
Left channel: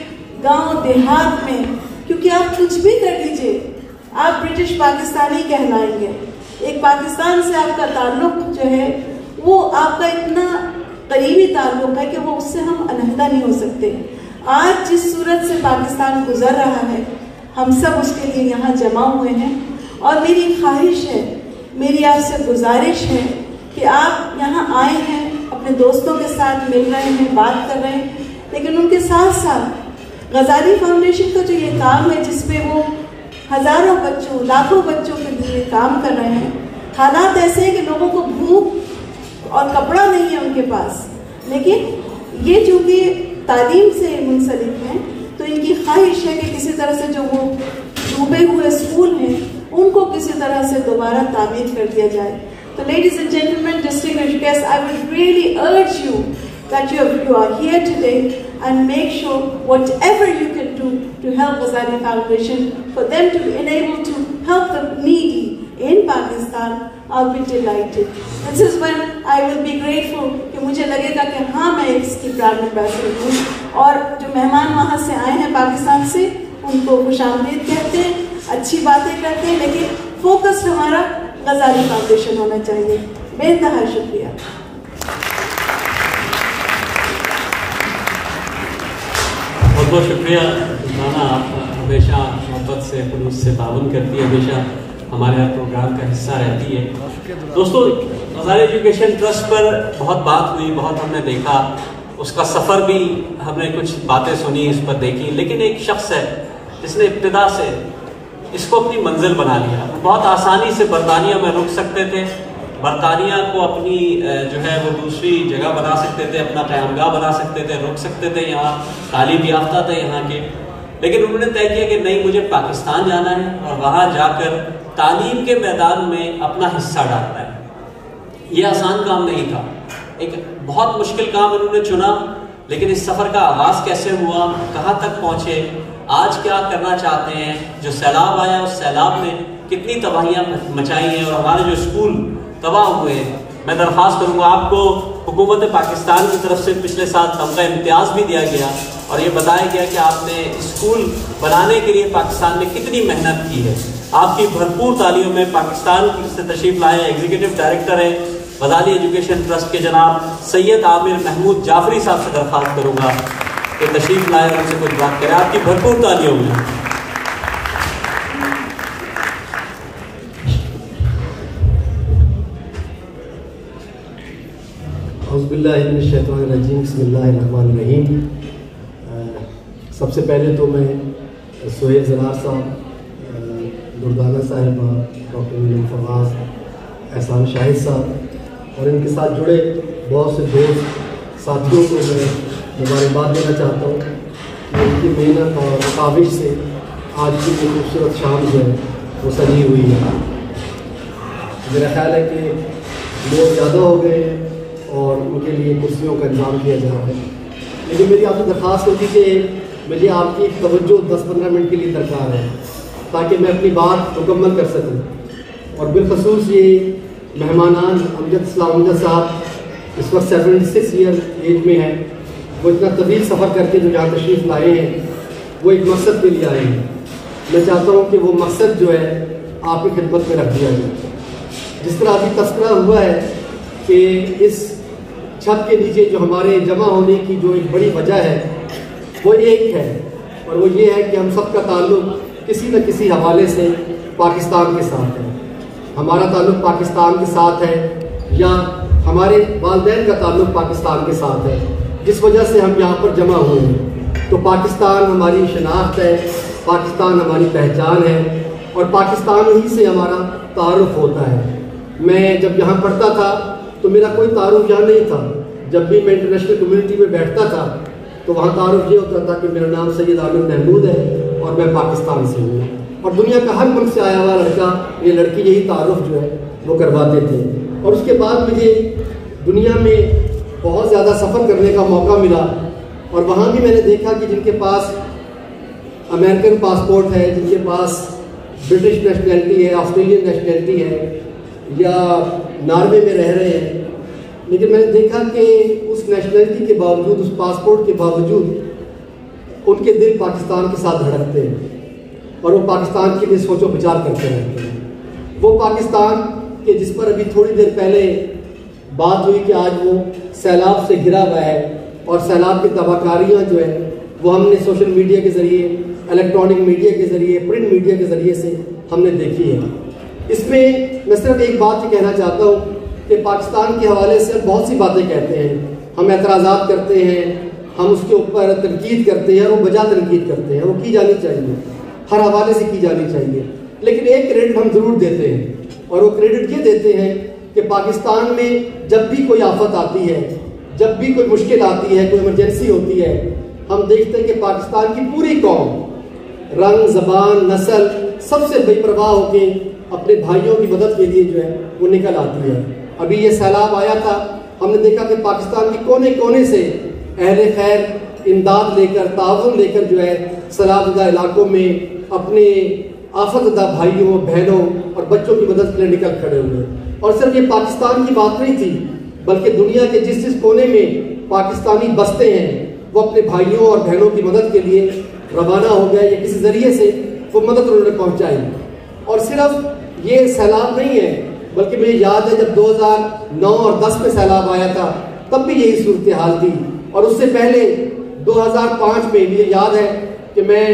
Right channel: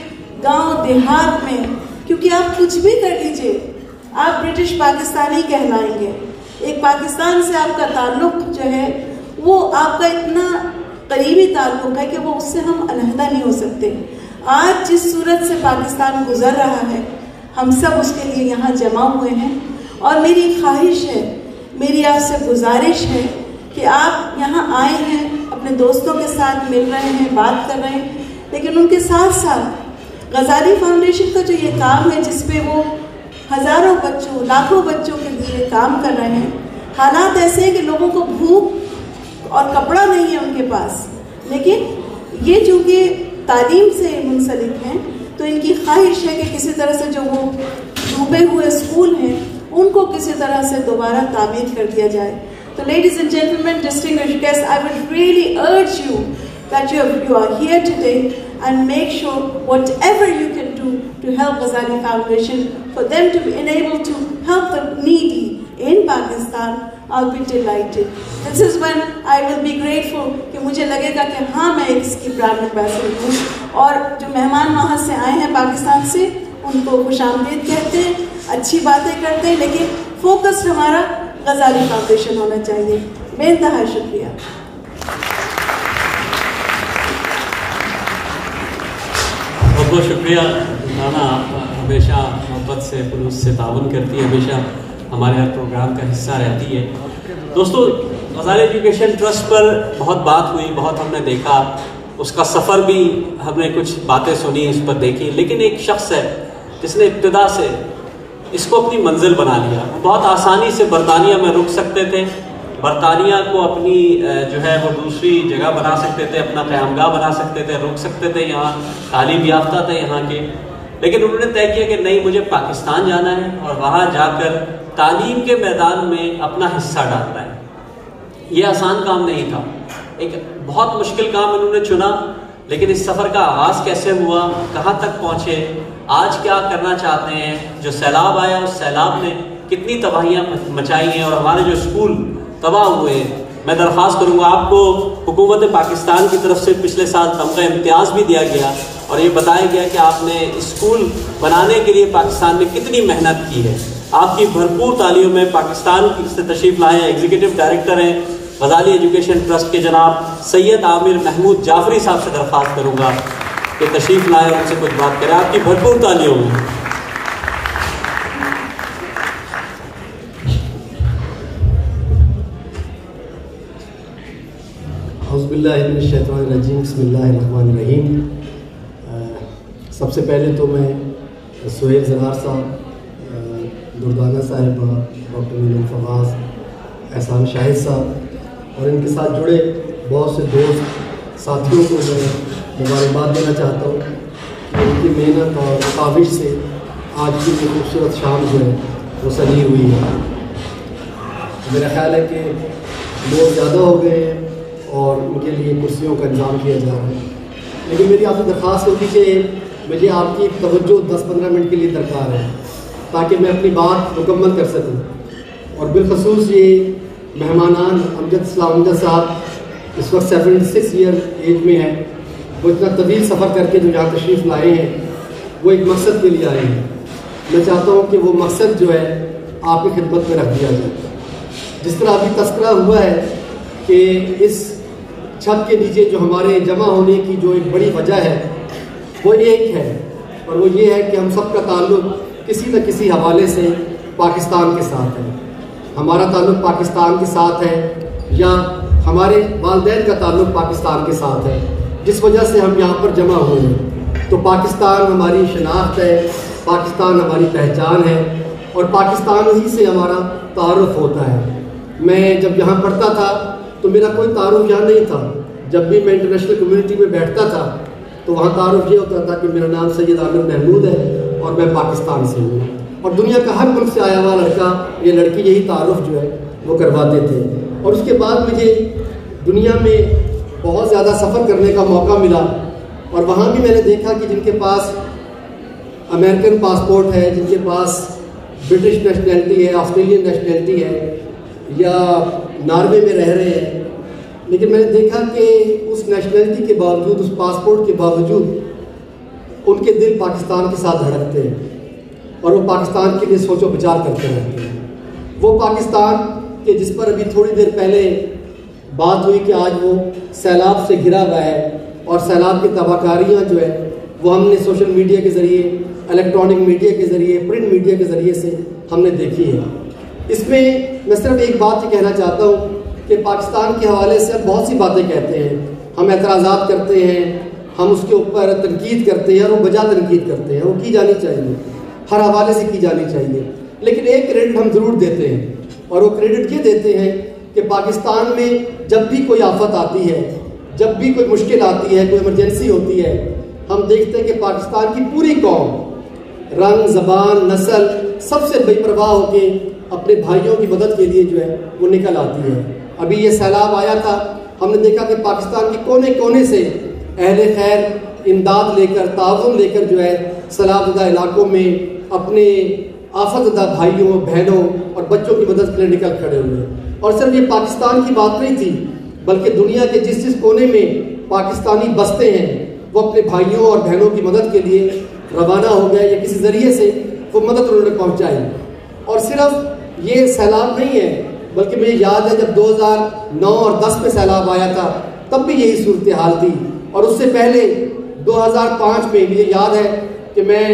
گاؤں دیہات میں، کیونکہ آپ کچھ بھی کر لیجئے آپ برٹش پاکستانی کہلائیں گے. ایک پاکستان سے آپ کا تعلق جو ہے وہ آپ کا اتنا قریبی تعلق ہے کہ وہ اس سے ہم علیحدہ نہیں ہو سکتے. آج جس صورت سے پاکستان گزر رہا ہے ہم سب اس کے لیے یہاں جمع ہوئے ہیں، اور میری خواہش ہے، میری آپ سے گزارش ہے کہ آپ یہاں آئے ہیں، اپنے دوستوں کے ساتھ مل رہے ہیں، بات کر رہے ہیں، لیکن ان کے ساتھ ساتھ غزالی فاؤنڈیشن کا جو یہ کام ہے جس پہ وہ ہزاروں بچوں، لاکھوں بچوں کے لیے کام کر رہے ہیں. حالات ایسے ہیں کہ لوگوں کو بھوک اور کپڑا نہیں ہے ان کے پاس، لیکن یہ چونکہ تعلیم سے منسلک ہیں تو ان کی خواہش ہے کہ کسی طرح سے جو وہ ڈوبے ہوئے اسکول ہیں ان کو کسی طرح سے دوبارہ تعمیر کر دیا جائے. So ladies and gentlemen, distinguished guests, I would really urge you that you are here today and make sure whatever you can do to help Ghazali Foundation, for them to be able to help the needy in Pakistan. I'll be delighted. This is when I will be grateful کہ مجھے لگے گا کہ ہاں میں اس کی جناب ambassador اور جو مہمان وہاں سے آئے ہیں پاکستان سے ان کو خوش آمدید کہتے ہیں، اچھی باتیں کرتے ہیں، لیکن فوکس ہمارا غزالی فاؤنڈیشن ہونا چاہیے. بے انتہا شکریہ. بہت بہت شکریہ رانا، ہمیشہ محبت سے مجھ سے تعاون کرتی ہے، ہمیشہ ہمارے پروگرام کا حصہ رہتی ہے. دوستو، غزالی ایجوکیشن ٹرسٹ پر بہت بات ہوئی، بہت ہم نے دیکھا، اس کا سفر بھی ہم نے کچھ باتیں سنی، اس پر دیکھی، لیکن ایک شخص ہے جس نے ابتدا سے اس کو اپنی منزل بنا لیا. بہت آسانی سے برطانیہ میں رک سکتے تھے، برطانیہ کو اپنی جو ہے وہ دوسری جگہ بنا سکتے تھے، اپنا قیامگاہ بنا سکتے تھے، رک سکتے تھے، یہاں تعلیم یافتہ تھے یہاں کے. لیکن انہوں نے طے کیا کہ نہیں، مجھے پاکستان جانا ہے اور وہاں جا کر تعلیم کے میدان میں اپنا حصہ ڈالنا ہے. یہ آسان کام نہیں تھا، ایک بہت مشکل کام انہوں نے چنا. لیکن اس سفر کا آغاز کیسے ہوا، کہاں تک پہنچے، آج کیا کرنا چاہتے ہیں، جو سیلاب آیا اس سیلاب نے کتنی تباہیاں مچائی ہیں اور ہمارے جو اسکول تباہ ہوئے ہیں. میں درخواست کروں گا آپ کو، حکومت پاکستان کی طرف سے پچھلے سال تمغہ امتیاز بھی دیا گیا اور یہ بتایا گیا کہ آپ نے اسکول بنانے کے لیے پاکستان میں کتنی محنت کی ہے. آپ کی بھرپور تعلیم میں پاکستان سے تشریف لائے ہیں ایگزیکٹو ڈائریکٹر ہیں غزالی ایجوکیشن ٹرسٹ کے جناب سید عامر محمود جعفری صاحب سے درخواست کروں گا کہ تشریف لائیں اور ان سے کچھ بات کریں. آپ کی بھرپور تعلیم میں. اعوذ باللہ من الشیطان الرجیم، بسم اللہ الرحمن الرحیم. سب سے پہلے تو میں سہیل زلار صاحب، دردانہ صاحبہ، ڈاکٹر نیلم فواز، احسان شاہد صاحب اور ان کے ساتھ جڑے بہت سے دوست ساتھیوں کو میں مبارکباد دینا چاہتا ہوں کہ ان کی محنت اور کاوش سے آج کی یہ خوبصورت شام جو ہے وہ سجی ہوئی ہے. میرا خیال ہے کہ لوگ زیادہ ہو گئے ہیں اور ان کے لیے کرسیوں کا انتظام کیا جا رہا ہے، لیکن میری آپ کو درخواست ہوتی کہ مجھے آپ کی توجہ 10-15 منٹ کے لیے درکار ہے تاکہ میں اپنی بات مکمل کر سکوں. اور بالخصوص یہ مہمانان امجد اسلام امجد صاحب اس وقت 76 ایئر ایج میں ہیں، وہ اتنا طویل سفر کر کے جو یہاں تشریف لائے ہیں وہ ایک مقصد کے لیے آئے ہیں. میں چاہتا ہوں کہ وہ مقصد جو ہے آپ کی خدمت میں رکھ دیا جائے. جس طرح ابھی تذکرہ ہوا ہے کہ اس چھت کے نیچے جو ہمارے جمع ہونے کی جو ایک بڑی وجہ ہے وہ ایک ہے، اور وہ یہ ہے کہ ہم سب کا تعلق کسی نہ کسی حوالے سے پاکستان کے ساتھ ہے. ہمارا تعلق پاکستان کے ساتھ ہے یا ہمارے والدین کا تعلق پاکستان کے ساتھ ہے، جس وجہ سے ہم یہاں پر جمع ہوئے ہیں. تو پاکستان ہماری شناخت ہے، پاکستان ہماری پہچان ہے اور پاکستان ہی سے ہمارا تعارف ہوتا ہے. میں جب یہاں پڑھتا تھا تو میرا کوئی تعارف یہاں نہیں تھا. جب بھی میں انٹرنیشنل کمیونٹی میں بیٹھتا تھا تو وہاں تعارف یہ ہوتا تھا کہ میرا نام سید عامر محمود ہے اور میں پاکستان سے ہوں. اور دنیا کا ہر ملک سے آیا ہوا لڑکا یا لڑکی یہی تعارف جو ہے وہ کرواتے تھے. اور اس کے بعد مجھے دنیا میں بہت زیادہ سفر کرنے کا موقع ملا اور وہاں بھی میں نے دیکھا کہ جن کے پاس امریکن پاسپورٹ ہے، جن کے پاس برٹش نیشنلٹی ہے، آسٹریلین نیشنلٹی ہے یا ناروے میں رہ رہے ہیں، لیکن میں نے دیکھا کہ اس نیشنلٹی کے باوجود، اس پاسپورٹ کے باوجود ان کے دل پاکستان کے ساتھ دھڑکتے ہیں اور وہ پاکستان کے لیے سوچ و بچار کرتے رہتے ہیں. وہ پاکستان کہ جس پر ابھی تھوڑی دیر پہلے بات ہوئی کہ آج وہ سیلاب سے گرا ہوا ہے اور سیلاب کی تباہ کاریاں جو ہے وہ ہم نے سوشل میڈیا کے ذریعے، الیکٹرانک میڈیا کے ذریعے، پرنٹ میڈیا کے ذریعے سے ہم نے دیکھی ہے. اس میں میں صرف ایک بات یہ کہنا چاہتا ہوں کہ پاکستان کے حوالے سے بہت سی باتیں کہتے ہیں، ہم اعتراضات کرتے ہیں، ہم اس کے اوپر تنقید کرتے ہیں، وہ بجا تنقید کرتے ہیں، وہ کی جانی چاہیے، ہر حوالے سے کی جانی چاہیے. لیکن ایک کریڈٹ ہم ضرور دیتے ہیں اور وہ کریڈٹ یہ دیتے ہیں کہ پاکستان میں جب بھی کوئی آفت آتی ہے، جب بھی کوئی مشکل آتی ہے، کوئی ایمرجنسی ہوتی ہے، ہم دیکھتے ہیں کہ پاکستان کی پوری قوم، رنگ، زبان، نسل، سب سے بے پرواہ ہو کے اپنے بھائیوں کی مدد کے لیے جو ہے وہ نکل آتی ہے. ابھی یہ سیلاب آیا تھا، ہم نے دیکھا کہ پاکستان کے کونے کونے سے اہل خیر امداد لے کر، تعاون لے کر جو ہے سیلاب زدہ علاقوں میں اپنے آفت زدہ بھائیوں، بہنوں اور بچوں کی مدد کے لیے نکل کھڑے ہوئے. اور صرف یہ پاکستان کی بات نہیں تھی بلکہ دنیا کے جس کونے میں پاکستانی بستے ہیں وہ اپنے بھائیوں اور بہنوں کی مدد کے لیے روانہ ہو گئے یا کسی ذریعے سے وہ مدد انہوں نے پہنچائی. اور صرف یہ سیلاب نہیں ہے بلکہ مجھے یاد ہے جب 2009 اور 10 میں سیلاب آیا تھا تب بھی یہی صورتحال تھی. اور اس سے پہلے 2005 میں مجھے یاد ہے کہ میں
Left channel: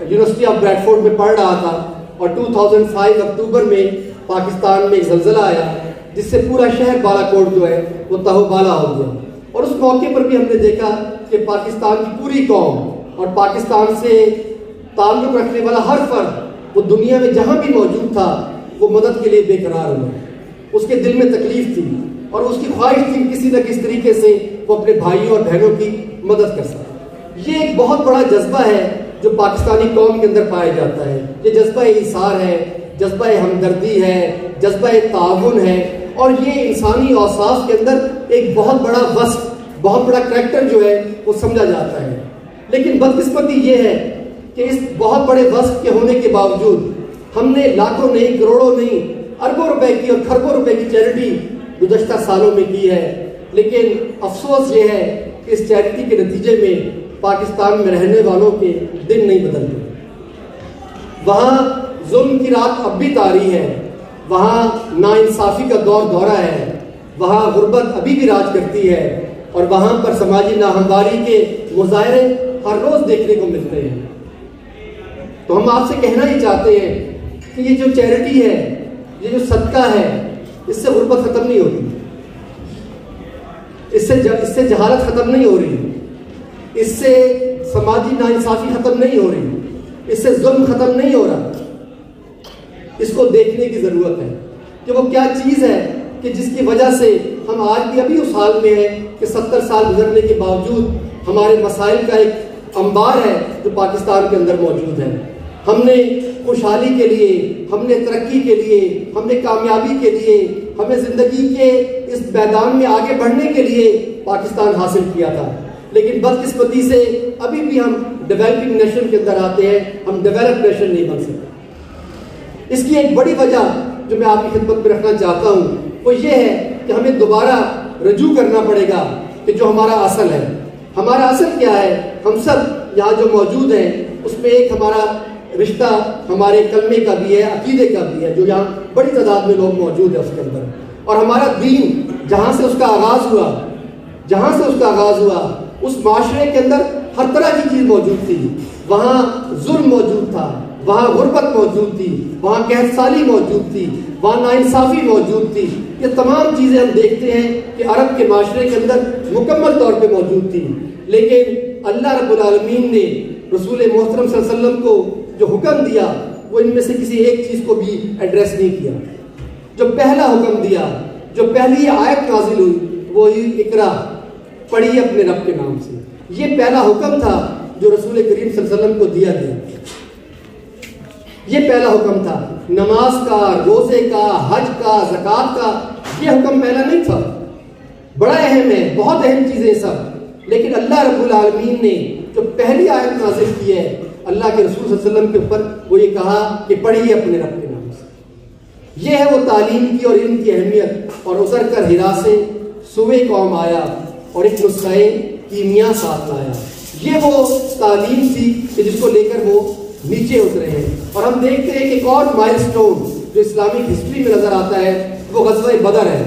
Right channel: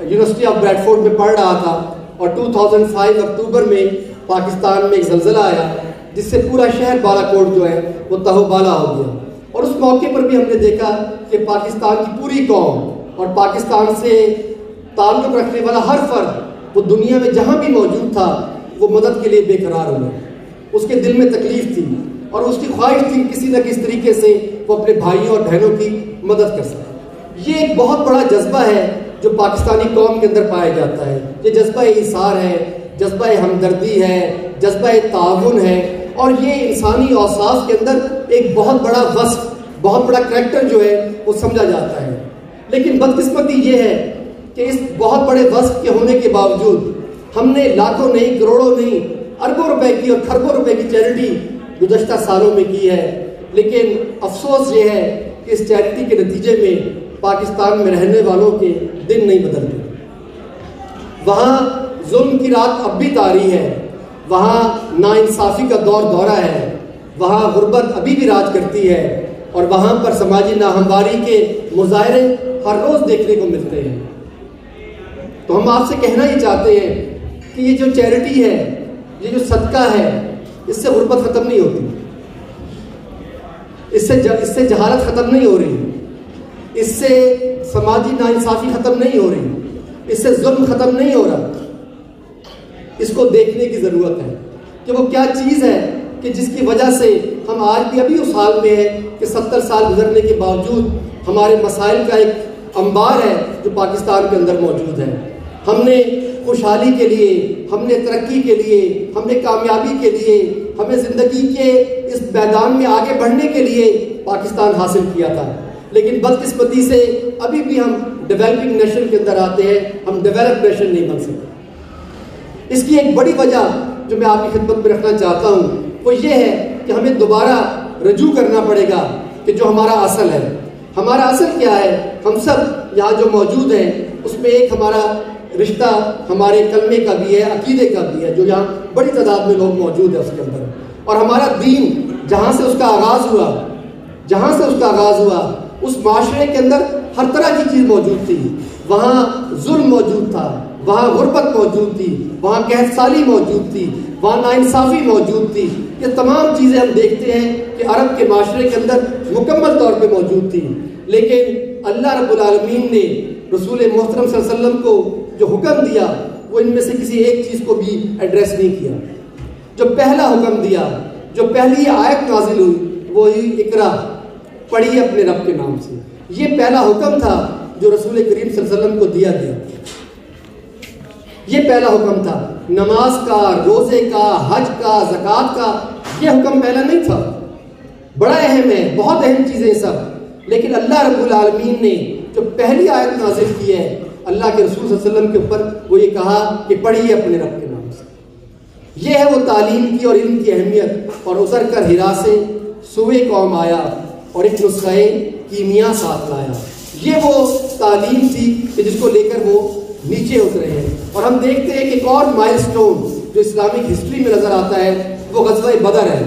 یونیورسٹی آف بریڈفورڈ میں پڑھ رہا تھا اور 2005 اکتوبر میں پاکستان میں ایک زلزلہ آیا جس سے پورا شہر بالاکوٹ جو ہے وہ تہو بالا ہو گیا. اور اس موقع پر بھی ہم نے دیکھا کہ پاکستان کی پوری قوم اور پاکستان سے تعلق رکھنے والا ہر فرد وہ دنیا میں جہاں بھی موجود تھا وہ مدد کے لیے بے قرار ہوا. اس کے دل میں تکلیف تھی اور اس کی خواہش تھی کسی نہ کسی طریقے سے وہ اپنے بھائیوں اور بہنوں کی مدد کر سکے. یہ ایک بہت بڑا جذبہ ہے جو پاکستانی قوم کے اندر پایا جاتا ہے. یہ جذبہ ایثار ہے, جذبہ ہمدردی ہے, جذبہ تعاون ہے, اور یہ انسانی اوصاف کے اندر ایک بہت بڑا وصف, بہت بڑا کریکٹر جو ہے وہ سمجھا جاتا ہے. لیکن بدقسمتی یہ ہے کہ اس بہت بڑے وصف کے ہونے کے باوجود ہم نے لاکھوں نہیں, کروڑوں نہیں, اربوں روپے کی اور خربوں روپے کی چیریٹی گزشتہ سالوں میں کی ہے. لیکن افسوس یہ ہے کہ اس چیریٹی کے نتیجے میں پاکستان میں رہنے والوں کے دن نہیں بدلتے. وہاں ظلم کی رات اب بھی طاری ہے, وہاں ناانصافی کا دور دورہ ہے, وہاں غربت ابھی بھی راج کرتی ہے, اور وہاں پر سماجی ناہمواری کے مظاہرے ہر روز دیکھنے کو ملتے ہیں. تو ہم آپ سے کہنا ہی چاہتے ہیں کہ یہ جو چیریٹی ہے, یہ جو صدقہ ہے, اس سے غربت ختم نہیں ہوتی, اس سے جہالت ختم نہیں ہو رہی, اس سے سماجی ناانصافی ختم نہیں ہو رہی, اس سے ظلم ختم نہیں ہو رہا. اس کو دیکھنے کی ضرورت ہے کہ وہ کیا چیز ہے کہ جس کی وجہ سے ہم آج بھی ابھی اس حال میں ہیں کہ 70 سال گزرنے کے باوجود ہمارے مسائل کا ایک انبار ہے جو پاکستان کے اندر موجود ہے. ہم نے خوشحالی کے لیے, ہم نے ترقی کے لیے, ہم نے کامیابی کے لیے, ہمیں زندگی کے اس میدان میں آگے بڑھنے کے لیے پاکستان حاصل کیا تھا. لیکن بدقسمتی سے ابھی بھی ہم ڈیولپنگ نیشن کے اندر آتے ہیں, ہم ڈیولپ نیشن نہیں بن سکتے. اس کی ایک بڑی وجہ جو میں آپ کی خدمت میں رکھنا چاہتا ہوں وہ یہ ہے کہ ہمیں دوبارہ رجوع کرنا پڑے گا کہ جو ہمارا اصل ہے. ہمارا اصل کیا ہے؟ ہم سب یہاں جو موجود ہیں اس میں ایک ہمارا رشتہ ہمارے کلمے کا بھی ہے, عقیدے کا بھی ہے, جو یہاں بڑی تعداد میں لوگ موجود ہیں اس کے اندر. اور ہمارا دین جہاں سے اس کا آغاز ہوا اس معاشرے کے اندر ہر طرح کی چیز موجود تھی. وہاں ظلم موجود تھا, وہاں غربت موجود تھی, وہاں قحط سالی موجود تھی, وہاں ناانصافی موجود تھی. یہ تمام چیزیں ہم دیکھتے ہیں کہ عرب کے معاشرے کے اندر مکمل طور پہ موجود تھی. لیکن اللہ رب العالمین نے رسول محترم صلی اللہ علیہ وسلم کو جو حکم دیا وہ ان میں سے کسی ایک چیز کو بھی ایڈریس نہیں کیا. جو پہلا حکم دیا, جو پہلی آیت نازل ہوئی وہی اقرا, پڑھیے اپنے رب کے نام سے. یہ پہلا حکم تھا جو رسول کریم صلی اللہ علیہ وسلم کو دیا گیا. یہ پہلا حکم تھا. نماز کا, روزے کا, حج کا, زکوٰۃ کا یہ حکم پہلا نہیں تھا. بڑا اہم ہے, بہت اہم چیزیں سب. لیکن اللہ رب العالمین نے جو پہلی آیت نازل کی ہے اللہ کے رسول صلی اللہ علیہ وسلم کے اوپر وہ یہ کہا کہ پڑھیے اپنے رب کے نام سے. یہ ہے وہ تعلیم کی اور علم کی اہمیت. اور اتر کر ہرا سے سوئے قوم آیا اور ایک نسخہ کیمیا ساتھ لایا. یہ وہ تعلیم تھی کہ جس کو لے کر وہ نیچے اترے ہیں. اور ہم دیکھتے ہیں کہ ایک اور مائل سٹون جو اسلامک ہسٹری میں نظر آتا ہے وہ غزوہ بدر ہے.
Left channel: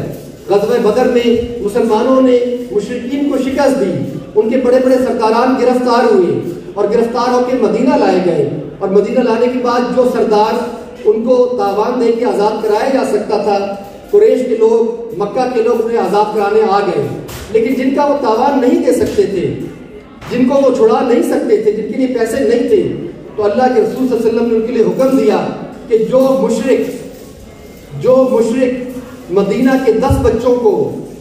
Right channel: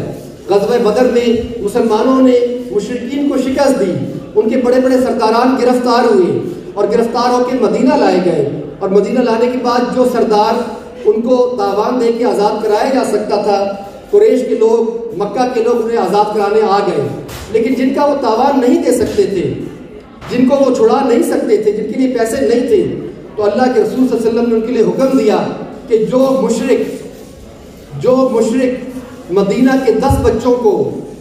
غزوہ بدر میں مسلمانوں نے مشرکین کو شکست دی, ان کے بڑے بڑے سرداران گرفتار ہوئے اور گرفتار ہو کے مدینہ لائے گئے. اور مدینہ لانے کے بعد جو سردار ان کو تاوان دے کے آزاد کرایا جا سکتا تھا, قریش کے لوگ, مکہ کے لوگ انہیں آزاد کرانے آ گئے. لیکن جن کا وہ تاوان نہیں دے سکتے تھے, جن کو وہ چھڑا نہیں سکتے تھے, جن کے لیے پیسے نہیں تھے, تو اللہ کے رسول صلی اللہ علیہ وسلم نے ان کے لیے حکم دیا کہ جو مشرک مدینہ کے 10 بچوں کو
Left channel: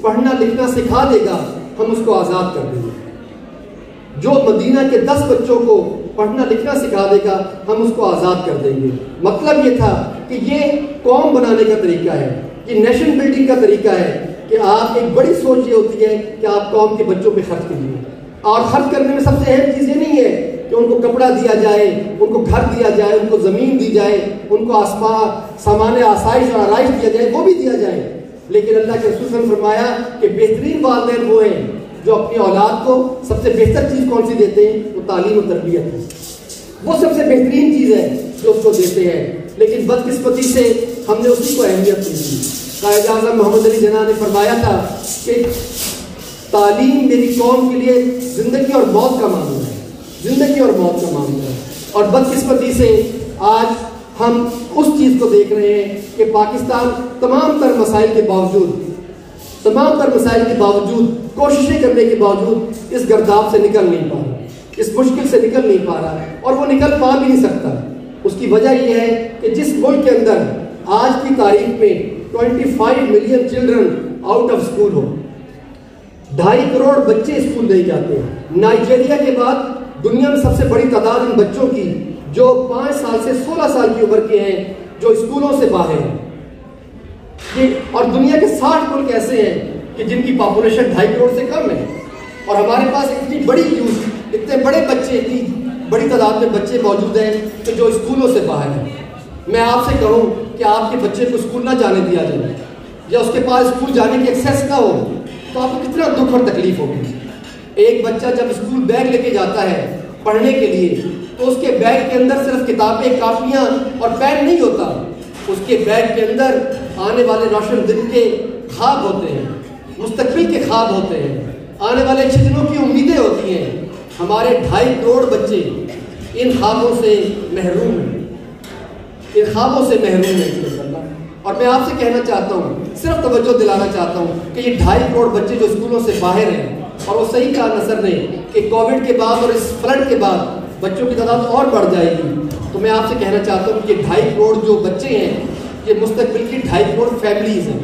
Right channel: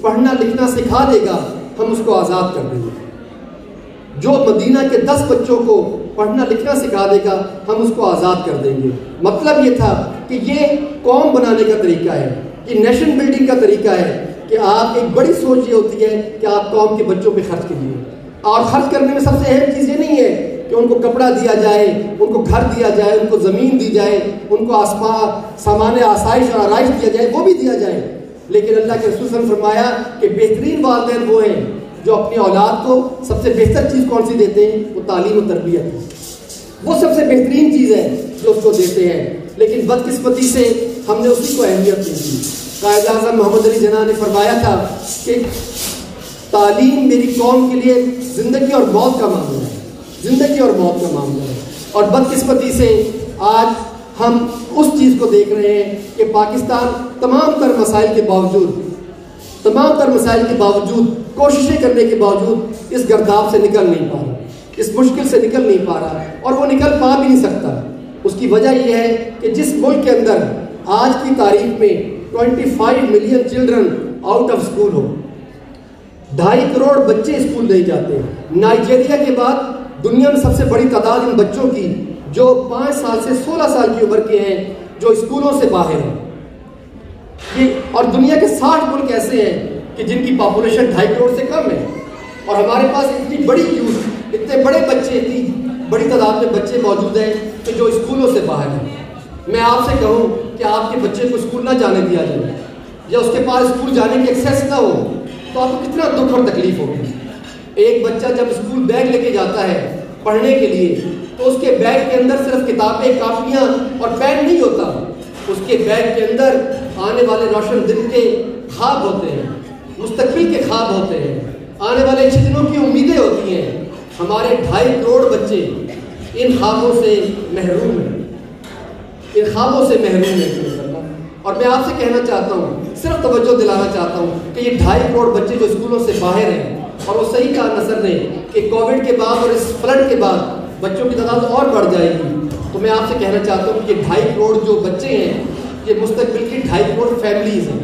پڑھنا لکھنا سکھا دے گا ہم اس کو آزاد کر دیں گے. جو مدینہ کے 10 بچوں کو پڑھنا لکھنا سکھا دے گا ہم اس کو آزاد کر دیں گے. مطلب یہ تھا کہ یہ قوم بنانے کا طریقہ ہے, یہ نیشن بلڈنگ کا طریقہ ہے کہ آپ ایک بڑی سوچ یہ ہوتی ہے کہ آپ قوم کے بچوں پہ خرچ کیجیے. اور خرچ کرنے میں سب سے اہم چیز یہ نہیں ہے کہ ان کو کپڑا دیا جائے, ان کو گھر دیا جائے, ان کو زمین دی جائے, ان کو سامان آسائش اور آرائش دیا جائے, وہ بھی دیا جائے. لیکن اللہ کے رسول نے فرمایا کہ بہترین والدین وہ ہیں جو اپنی اولاد کو سب سے بہتر چیز کون سی دیتے ہیں؟ وہ تعلیم و تربیت ہے، وہ سب سے بہترین چیز ہے جو اس کو دیتے ہیں، لیکن بدقسمتی سے ہم نے اسی کو اہمیت نہیں دی۔ قائد اعظم محمد علی جناح نے فرمایا تھا کہ تعلیم میری قوم کے لیے زندگی اور موت کا معاملہ ہے، زندگی اور موت کا معاملہ ہے، اور بدقسمتی سے آج ہم اس چیز کو دیکھ رہے ہیں کہ پاکستان تمام تر مسائل کے باوجود کوششیں کرنے کے باوجود اس گرداب سے نکل نہیں پا رہا، اس مشکل سے نکل نہیں پا رہا، اور وہ نکل پا بھی نہیں سکتا۔ اس کی وجہ یہ ہے کہ جس ملک کے اندر آج کی تاریخ میں 25 million children out of school ہو، 2.5 کروڑ بچے اسکول نہیں جاتے، نائجیریا کے بعد دنیا میں سب سے بڑی تعداد ان بچوں کی جو 5 سال سے 16 سال کی عمر کے ہیں جو اسکولوں سے باہر ہیں، اور دنیا کے 60 ملک ایسے ہیں کہ جن کی پاپولیشن 2.5 کروڑ سے کم ہے، اور ہمارے پاس اتنی بڑی یوتھ، اتنے بڑے بچے، اتنی بڑی تعداد میں بچے موجود ہیں کہ جو اسکولوں سے باہر ہیں۔ میں آپ سے کہوں کہ آپ کے بچے کو اسکول نہ جانے دیا جائے، یا اس کے پاس اسکول جانے کی ایکسیس نہ ہو، تو آپ کو کتنا دکھ اور تکلیف ہوگی۔ ایک بچہ جب اسکول بیگ لے کے جاتا ہے پڑھنے کے لیے، تو اس کے بیگ کے اندر صرف کتابیں، کاپیاں اور پین نہیں ہوتا، اس کے بیگ کے اندر آنے والے روشن دن کے خواب ہوتے ہیں، مستقبل کے خواب ہوتے ہیں، آنے والے اچھے دنوں کی امیدیں ہوتی ہیں۔ ہمارے 2.5 کروڑ بچے ان خوابوں سے محروم ہیں، ان خوابوں سے محروم ہیں۔ اور میں آپ سے کہنا چاہتا ہوں، صرف توجہ دلانا چاہتا ہوں کہ یہ 2.5 کروڑ بچے جو اسکولوں سے باہر ہیں، اور وہ صحیح کہا نصر نے کہ کووڈ کے بعد اور اس فلڈ کے بعد بچوں کی تعداد اور بڑھ جائے گی، تو میں آپ سے کہنا چاہتا ہوں کہ 2.5 کروڑ جو بچے ہیں یہ مستقبل کی 2.5 کروڑ فیملیز ہیں،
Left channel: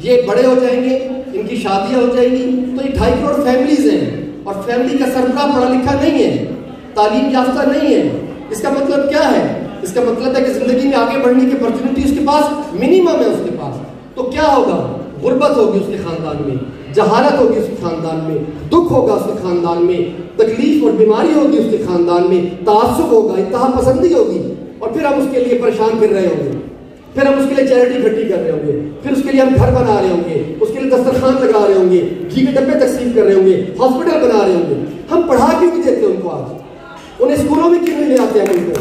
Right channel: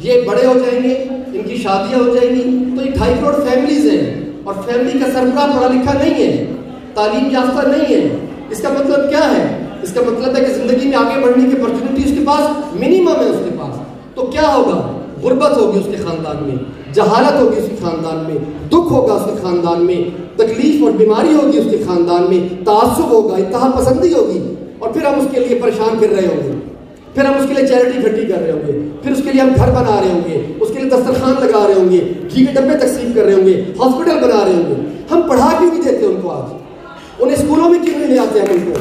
یہ بڑے ہو جائیں گے، ان کی شادیاں ہو جائیں گی، تو یہ 2.5 کروڑ فیملیز ہیں، اور فیملی کا سربراہ پڑھا لکھا نہیں ہے، تعلیم یافتہ نہیں ہے۔ اس کا مطلب کیا ہے؟ اس کا مطلب ہے کہ زندگی میں آگے بڑھنے کی اپرچونٹی اس کے پاس منیمم ہے، اس کے پاس تو کیا ہوگا؟ غربت ہوگی اس کے خاندان میں، جہالت ہوگی اس کے خاندان میں، دکھ ہوگا اس کے خاندان میں، تکلیف اور بیماری ہوگی اس کے خاندان میں، تعصب ہوگا، انتہا پسندی ہوگی، اور پھر ہم اس کے لیے پریشان کر رہے ہوں گے، پھر ہم اس کے لیے چیریٹی اکٹھی کر رہے ہوں گے، پھر اس کے لیے ہم گھر بنا رہے ہوں گے، اس کے لیے دسترخوان لگا رہے ہوں گے، گھی کے ڈبے تقسیم کر رہے ہوں گے، ہاسپٹل بنا رہے ہوں گے۔ ہم پڑھا کیوں نہیں دیتے ان کو؟ آج انہیں اسکولوں میں کیوں نہیں آتے ہیں ان کو؟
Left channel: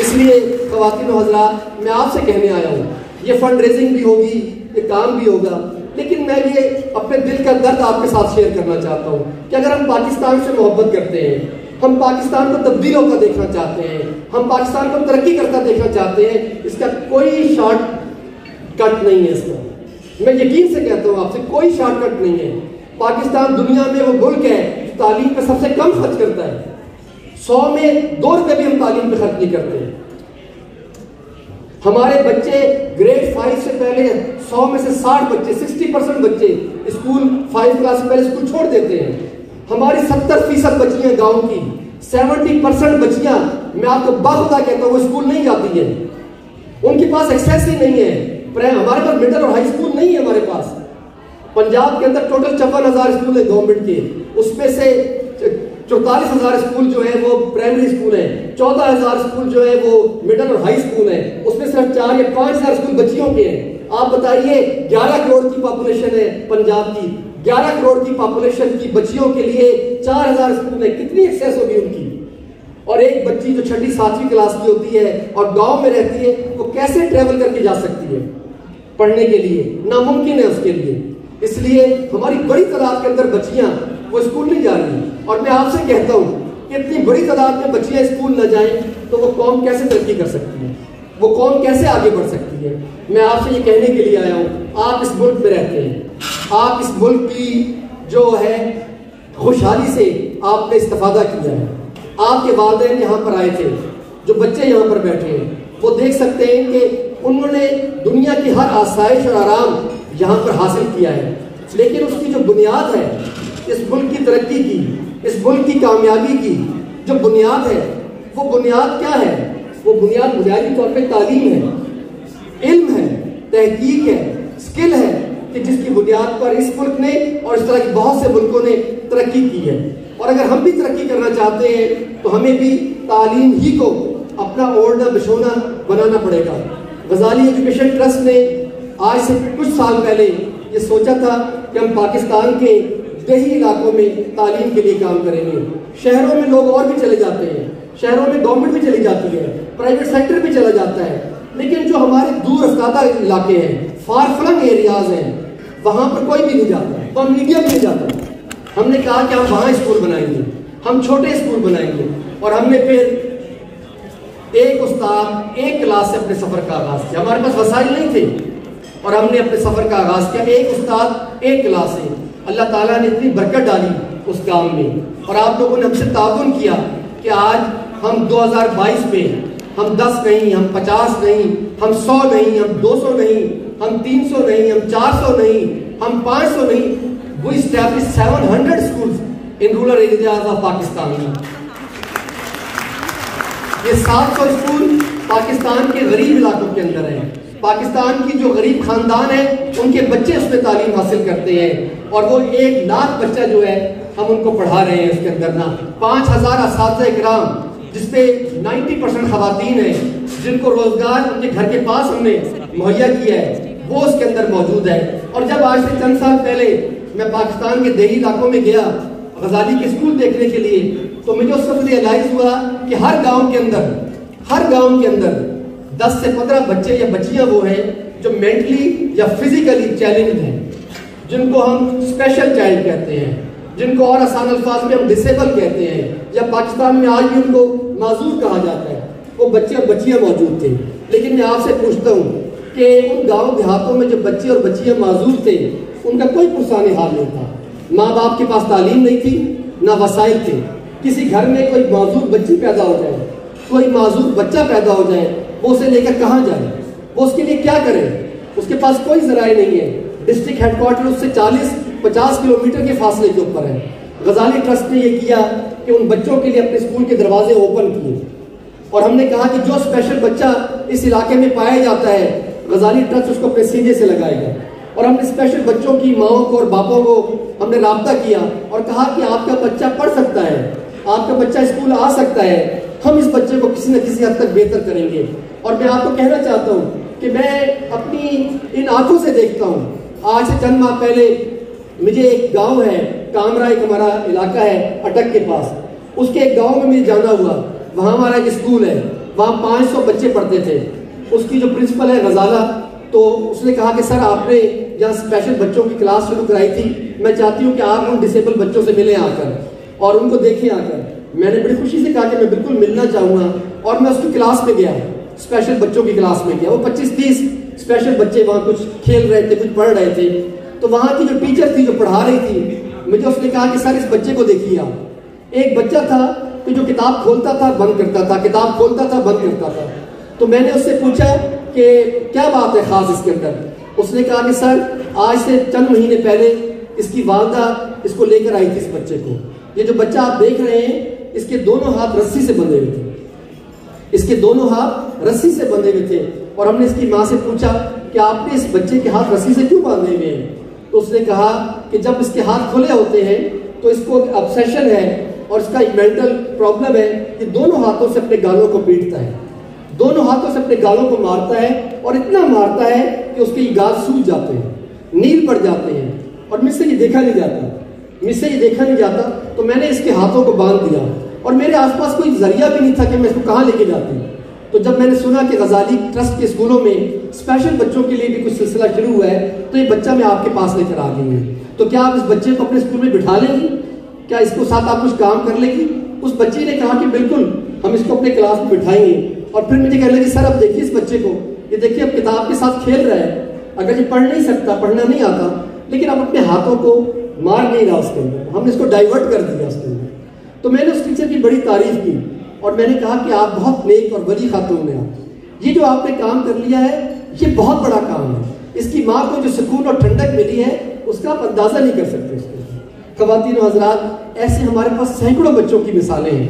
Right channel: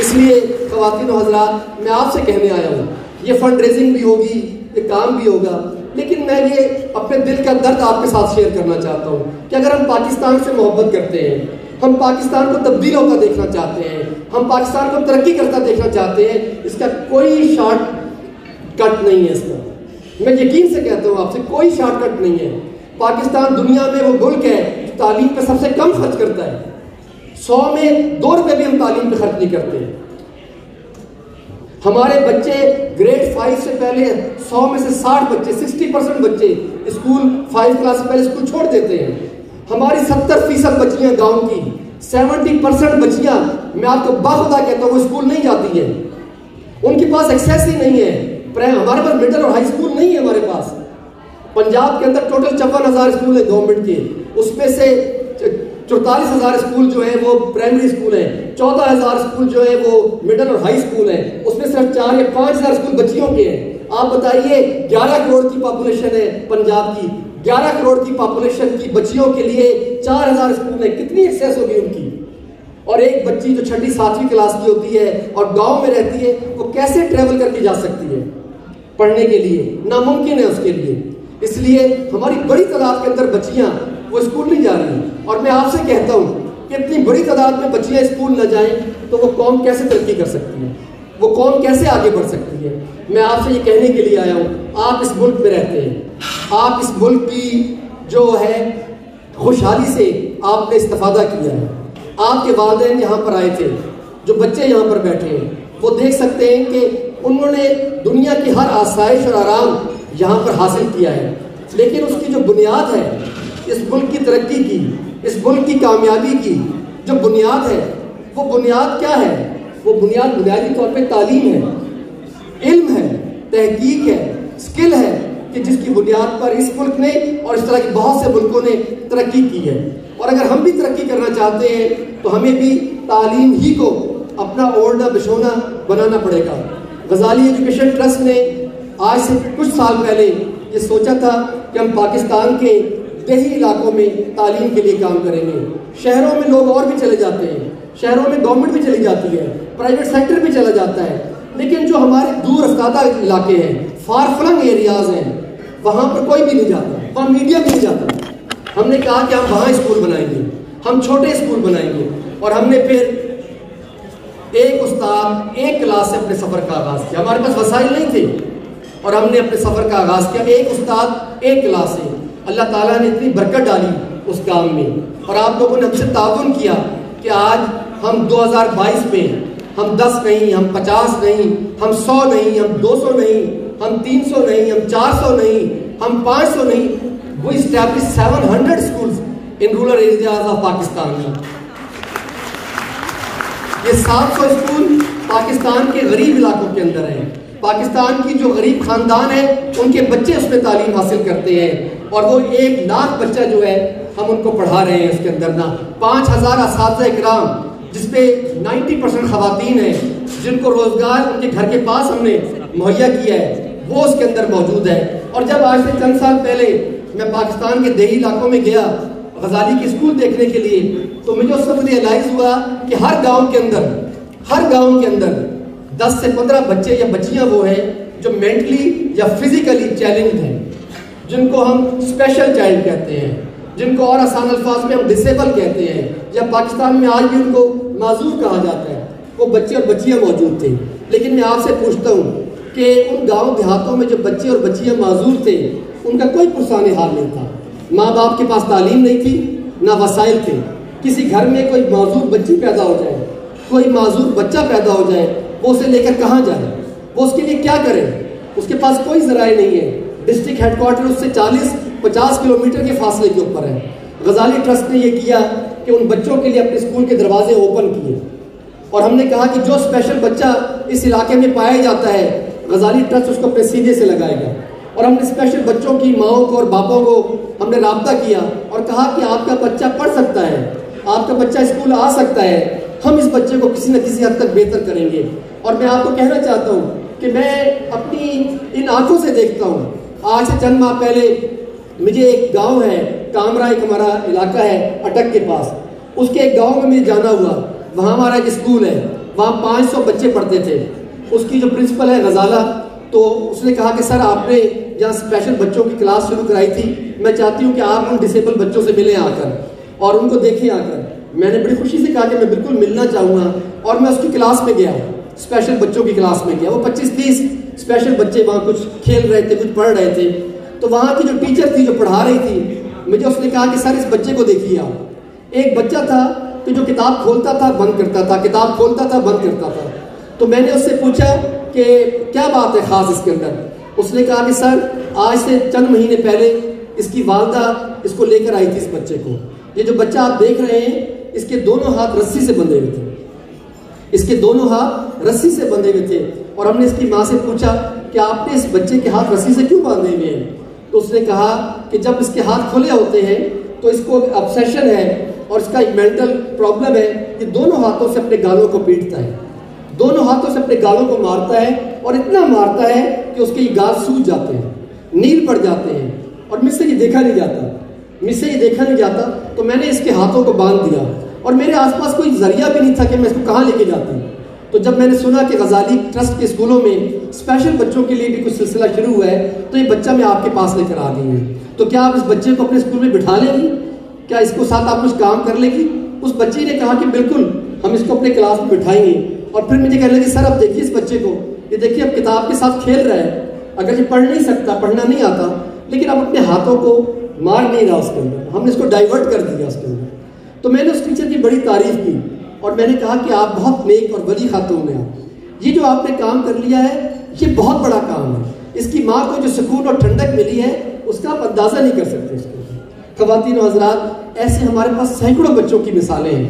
اس لیے خواتین و حضرات، میں آپ سے کہنے آیا ہوں، یہ فنڈ ریزنگ بھی ہوگی، یہ کام بھی ہوگا، لیکن میں یہ اپنے دل کا درد آپ کے ساتھ شیئر کرنا چاہتا ہوں کہ اگر ہم پاکستان سے محبت کرتے ہیں، ہم پاکستان کو تبدیل ہوتا دیکھنا چاہتے ہیں، ہم پاکستان کو ترقی کرتا دیکھنا چاہتے ہیں، اس کا کوئی شارٹ کٹ نہیں ہے۔ اس کا میں یقین سے کہتا ہوں آپ سے، کوئی شارٹ کٹ نہیں ہے۔ پاکستان دنیا میں وہ ملک ہے جو تعلیم پہ سب سے کم خرچ کرتا ہے، 100 میں 2 روپے بھی ہم تعلیم پہ خرچ نہیں کرتے۔ ہمارے بچے گریڈ 5 سے پہلے 100 میں سے 60 بچے، 60% بچے اسکول 5 کلاس سے پہلے اسکول چھوڑ دیتے ہیں۔ ہماری 70% بچیاں گاؤں کی، 70% بچیاں، میں آپ کو باخدا کہتا ہوں، وہ اسکول نہیں جاتی ہیں، ان کے پاس ایکسیس ہی نہیں ہے۔ ہمارے پاس مڈل اور ہائی اسکول نہیں ہے ہمارے پاس۔ پنجاب کے اندر ٹوٹل 54,000 اسکول ہیں گورنمنٹ کے، اس میں سے 44,000 اسکول جو ہیں وہ پرائمری اسکول ہیں، 14,000 اسکول جو ہیں وہ مڈل اور ہائی اسکول ہیں، اس میں صرف 4 یا 5,000 اسکول بچیوں کے ہیں۔ آپ بتائیے 11 کروڑ کی پاپولیشن ہے پنجاب کی، 11 کروڑ کی پاپولیشن کی بچیوں کے لیے 4,000 اسکول ہیں، کتنی ایکسیس ہوگی ان کی؟ اور ایک بچی جو 6ٹھی 7ویں کلاس کی ہوتی ہے اور گاؤں میں رہتی ہے، وہ کیسے ٹریول کر کے جا سکتی ہے پڑھنے کے لیے؟ ناممکن ہے اس کے لیے۔ اس لیے ہماری بڑی تعداد کے اندر بچیاں وہ اسکول نہیں جا رہی، اور میں آپ سے کہتا ہوں کہ اتنی بڑی تعداد میں بچیاں اسکول نہ جائیں تو وہ قوم کیسے ترقی کر سکتی ہے، وہ قوم کیسے آگے بڑھ سکتی ہے؟ میں آپ سے یہ کہنے کے لیے آیا ہوں، آپ اس ملک میں رہتے ہیں، آپ اس ملک کی جو ہے خوشحالی سے آپ نے استفادہ کیا ہے، آپ کے والدین یہاں پر آئے تھے، جو بچے یہاں پر بیٹھے ہیں وہ دیکھ سکتے ہیں کہ انہوں نے دنیا کی ہر آسائش اور آرام یہاں پر حاصل کیا ہے، لیکن اس کی جو بنیاد ہے، اس ملک کی ترقی کی، اس ملک کی کامیابی کی جو بنیاد ہے، وہ بنیاد کیا ہے؟ وہ بنیاد بنیادی طور پہ تعلیم ہے، علم ہے، تحقیق ہے، اسکل ہے، کہ جس کی بنیاد پر اس ملک نے اور اس طرح کے بہت سے ملکوں نے ترقی کی ہے۔ اور اگر ہم بھی ترقی کرنا چاہتے ہیں تو ہمیں بھی تعلیم ہی کو اپنا اوڑھنا بچھونا بنانا پڑے گا۔ غزالی ایجوکیشن ٹرسٹ نے آج سے کچھ سال پہلے یہ سوچا تھا کہ ہم پاکستان کے دیہی علاقوں میں تعلیم کے لیے کام کریں گے. شہروں میں لوگ اور بھی چلے جاتے ہیں, شہروں میں گورنمنٹ بھی چلی جاتی ہے, پرائیویٹ سیکٹر بھی چلا جاتا ہے, لیکن جو ہمارے دور افتادہ علاقے ہیں, فار فلنگ ایریاز ہیں, وہاں پر کوئی بھی نہیں جاتا, وہاں میڈیا بھی نہیں جاتا. ہم نے کہا کہ ہم وہاں اسکول بنائیں گے, ہم چھوٹے اسکول بنائیں گے. اور ہم نے پھر ایک استاد ایک کلاس سے اپنے سفر کا آغاز کیا. ہمارے پاس وسائل نہیں تھے اور ہم نے اپنے سفر کا آغاز کیا. ایک استاد ایک کلاس سے. اللہ تعالیٰ نے اتنی برکت ڈالی اس کام میں, اور آپ لوگوں نے ہم سے تعاون کیا کہ آج ہم 2022 میں ہم 10 نہیں, ہم 50 نہیں, ہم 100 نہیں, ہم 200 نہیں, ہم 300 نہیں, ہم 400 نہیں, ہم 500 نہیں. We established 700 schools in rural areas of Pakistan. یہ 700 اسکول پاکستان کے غریب علاقوں کے اندر ہیں. پاکستان کی جو غریب خاندان ہیں ان کے بچے اس میں تعلیم حاصل کرتے ہیں, اور وہ 1 لاکھ بچہ جو ہے ہم ان کو پڑھا رہے ہیں اس کے اندر. نا 5000 اساتذہ کرام جس پہ 90% خواتین ہیں, جن کو روزگار ان کے گھر کے پاس ہم نے مہیا کیا ہے, وہ اس کے اندر موجود ہے. اور جب آج سے چند سال پہلے میں پاکستان کے دیہی علاقوں میں گیا غزالی کے اسکول دیکھنے کے لیے, تو مجھے اس وقت ریئلائز ہوا کہ ہر گاؤں کے اندر 10 سے 15 بچے یا بچیاں وہ ہیں جو مینٹلی یا فزیکلی چیلنج ہیں, جن کو ہم اسپیشل چائلڈ کہتے ہیں, جن کو اور آسان الفاظ میں ہم ڈسیبل کہتے ہیں, یا پاکستان میں آج بھی ان کو معذور کہا جاتا ہے. وہ بچے اور بچیاں موجود تھے. لیکن میں آپ سے پوچھتا ہوں کہ ان گاؤں دیہاتوں میں جو بچے اور بچیاں معذور تھے ان کا کوئی پرسان حال نہیں تھا. ماں باپ کے پاس تعلیم نہیں تھی, نہ وسائل تھے. کسی گھر میں کوئی معذور بچی پیدا ہو جائے, کوئی معذور بچہ پیدا ہو جائے, وہ اسے لے کر کہاں جائے, وہ اس کے لیے کیا کرے؟ اس کے پاس کوئی ذرائع نہیں ہے. ڈسٹرکٹ ہیڈ کوارٹر اس سے 40-50 کلومیٹر کے فاصلے کے اوپر ہے. غزالی ٹرسٹ نے یہ کیا کہ ان بچوں کے لیے اپنے اسکول کے دروازے اوپن کیے, اور ہم نے کہا کہ جو اسپیشل بچہ اس علاقے میں پایا جاتا ہے غزالی ٹرسٹ اس کو اپنے سینے سے لگائے گا. اور ہم نے اسپیشل بچوں کی ماؤں کو اور باپوں کو ہم نے رابطہ کیا اور کہا کہ آپ کا بچہ پڑھ سکتا ہے, آپ کا بچہ اسکول آ سکتا ہے, ہم اس بچے کو کسی نہ کسی حد تک بہتر کریں گے. اور میں آپ کو کہنا چاہتا ہوں کہ میں اپنی ان آنکھوں سے دیکھتا ہوں. آج سے چند ماہ پہلے مجھے ایک گاؤں ہے کامرا, ایک ہمارا علاقہ ہے اٹک کے پاس, اس کے ایک گاؤں میں مجھے جانا ہوا. وہاں ہمارا ایک اسکول ہے, وہاں 500 بچے پڑھتے تھے. اس کی جو پرنسپل ہے غزالہ, تو اس نے کہا کہ سر آپ نے یہاں اسپیشل بچوں کی کلاس شروع کرائی تھی, میں چاہتی ہوں کہ آپ ان ڈسیبل بچوں سے ملیں آ کر اور ان کو دیکھیں آ کر. میں نے بڑی خوشی سے کہا کہ میں بالکل ملنا چاہوں گا, اور میں اس کی کلاس میں گیا, اسپیشل بچوں کی کلاس میں گیا. وہ 25-30 اسپیشل بچے وہاں کچھ کھیل رہے تھے, کچھ پڑھ رہے تھے. تو وہاں کی جو ٹیچر تھی جو پڑھا رہی تھی, مجھے اس نے کہا کہ سر اس بچے کو دیکھیے آپ. ایک بچہ تھا کہ جو کتاب کھولتا تھا بند کرتا تھا, کتاب کھولتا تھا بند کرتا تھا. تو میں نے اس سے پوچھا کہ کیا بات ہے خاص اس کے اندر. اس نے کہا کہ سر آج سے چند مہینے پہلے اس کی والدہ اس کو لے کر آئی تھی اس بچے کو. یہ جو بچہ آپ دیکھ رہے ہیں اس کے دونوں ہاتھ رسی سے بندھے ہوئے تھے, اس کے دونوں ہاتھ رسی سے بندھے ہوئے تھے. اور ہم نے اس کی ماں سے پوچھا کہ آپ نے اس بچے کے ہاتھ رسی سے کیوں باندھے ہوئے ہیں؟ تو اس نے کہا کہ جب اس کے ہاتھ کھلے ہوتے ہیں تو اس کو obsession ہے اور اس کا ایک مینٹل پرابلم ہے کہ دونوں ہاتھوں سے اپنے گالوں کو پیٹتا ہے, دونوں ہاتھوں سے اپنے گالوں کو مارتا ہے, اور اتنا مارتا ہے کہ اس کے گال سوج جاتے ہیں, نیل پڑ جاتے ہیں, اور مجھ سے یہ دیکھا نہیں جاتا. تو میں نے اس کے ہاتھوں کو باندھ دیا, اور میرے آس پاس کوئی ذریعہ بھی نہیں تھا کہ میں اس کو کہاں لے کے جاتی. تو جب میں نے سنا کہ غزالی ٹرسٹ کے اسکولوں میں اسپیشل بچوں کے لیے بھی کچھ سلسلہ شروع ہوا ہے, تو یہ بچہ میں آپ کے پاس لے کر آ گئی ہوں. تو کیا آپ اس بچے کو اپنے اسکول میں بٹھا لیں گی؟ کیا اس کو ساتھ آپ کچھ کام کر لیں گی؟ اس بچے نے کہا کہ بالکل ہم اس کو اپنے کلاس میں بٹھائیں گے. اور پھر مجھے کہنے لگی سر اب دیکھیے اس بچے کو, یہ دیکھیے اب کتاب کے ساتھ کھیل رہا ہے, اگر یہ پڑھ نہیں سکتا, پڑھنا نہیں آتا, لیکن اب اپنے ہاتھوں کو مار نہیں رہا اس کے اندر, ہم نے اس کو ڈائیورٹ کر دیا اس کے اندر. تو میں نے اس ٹیچر کی بڑی تعریف کی اور میں نے کہا کہ آپ بہت نیک اور بڑی خاتون ہیں, یہ جو آپ نے کام کر لیا ہے یہ بہت بڑا کام ہے. اس کی ماں کو جو سکون اور ٹھنڈک ملی ہے اس کا آپ اندازہ نہیں کر سکتے. اس کو خواتین و حضرات, ایسے ہمارے پاس سینکڑوں بچوں کی مثالیں ہیں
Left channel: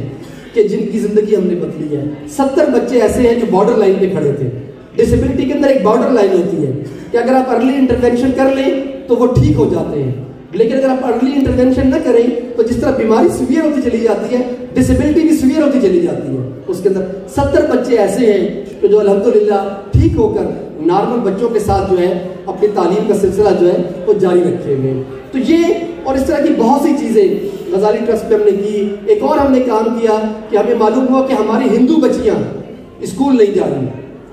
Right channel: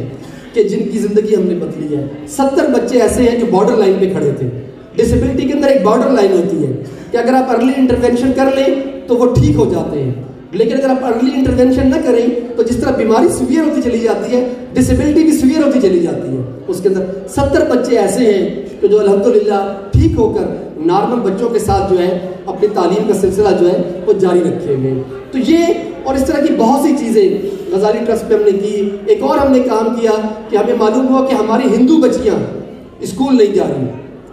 کہ جن کی زندگی ہم نے بدلی ہے. 70 بچے ایسے ہیں جو بارڈر لائن پہ کھڑے تھے. ڈسیبلٹی کے اندر ایک بارڈر لائن ہوتی ہے کہ اگر آپ ارلی انٹرونشن کر لیں تو وہ ٹھیک ہو جاتے ہیں, لیکن اگر آپ ارلی انٹرونشن نہ کریں تو جس طرح بیماری سیویئر ہوتی چلی جاتی ہے، ڈسیبلٹی بھی سیویئر ہوتی چلی جاتی ہے. اس کے اندر 70 بچے ایسے ہیں کہ جو الحمدللہ ٹھیک ہو کر نارمل بچوں کے ساتھ جو ہے اپنی تعلیم کا سلسلہ جو ہے وہ جاری رکھے ہوئے ہیں. تو یہ اور اس طرح کی بہت سی چیزیں غزالی ٹرسٹ میں ہم نے کی. ایک اور ہم نے کام کیا کہ ہمیں معلوم ہوا کہ ہماری ہندو بچیاں اسکول نہیں جا رہی،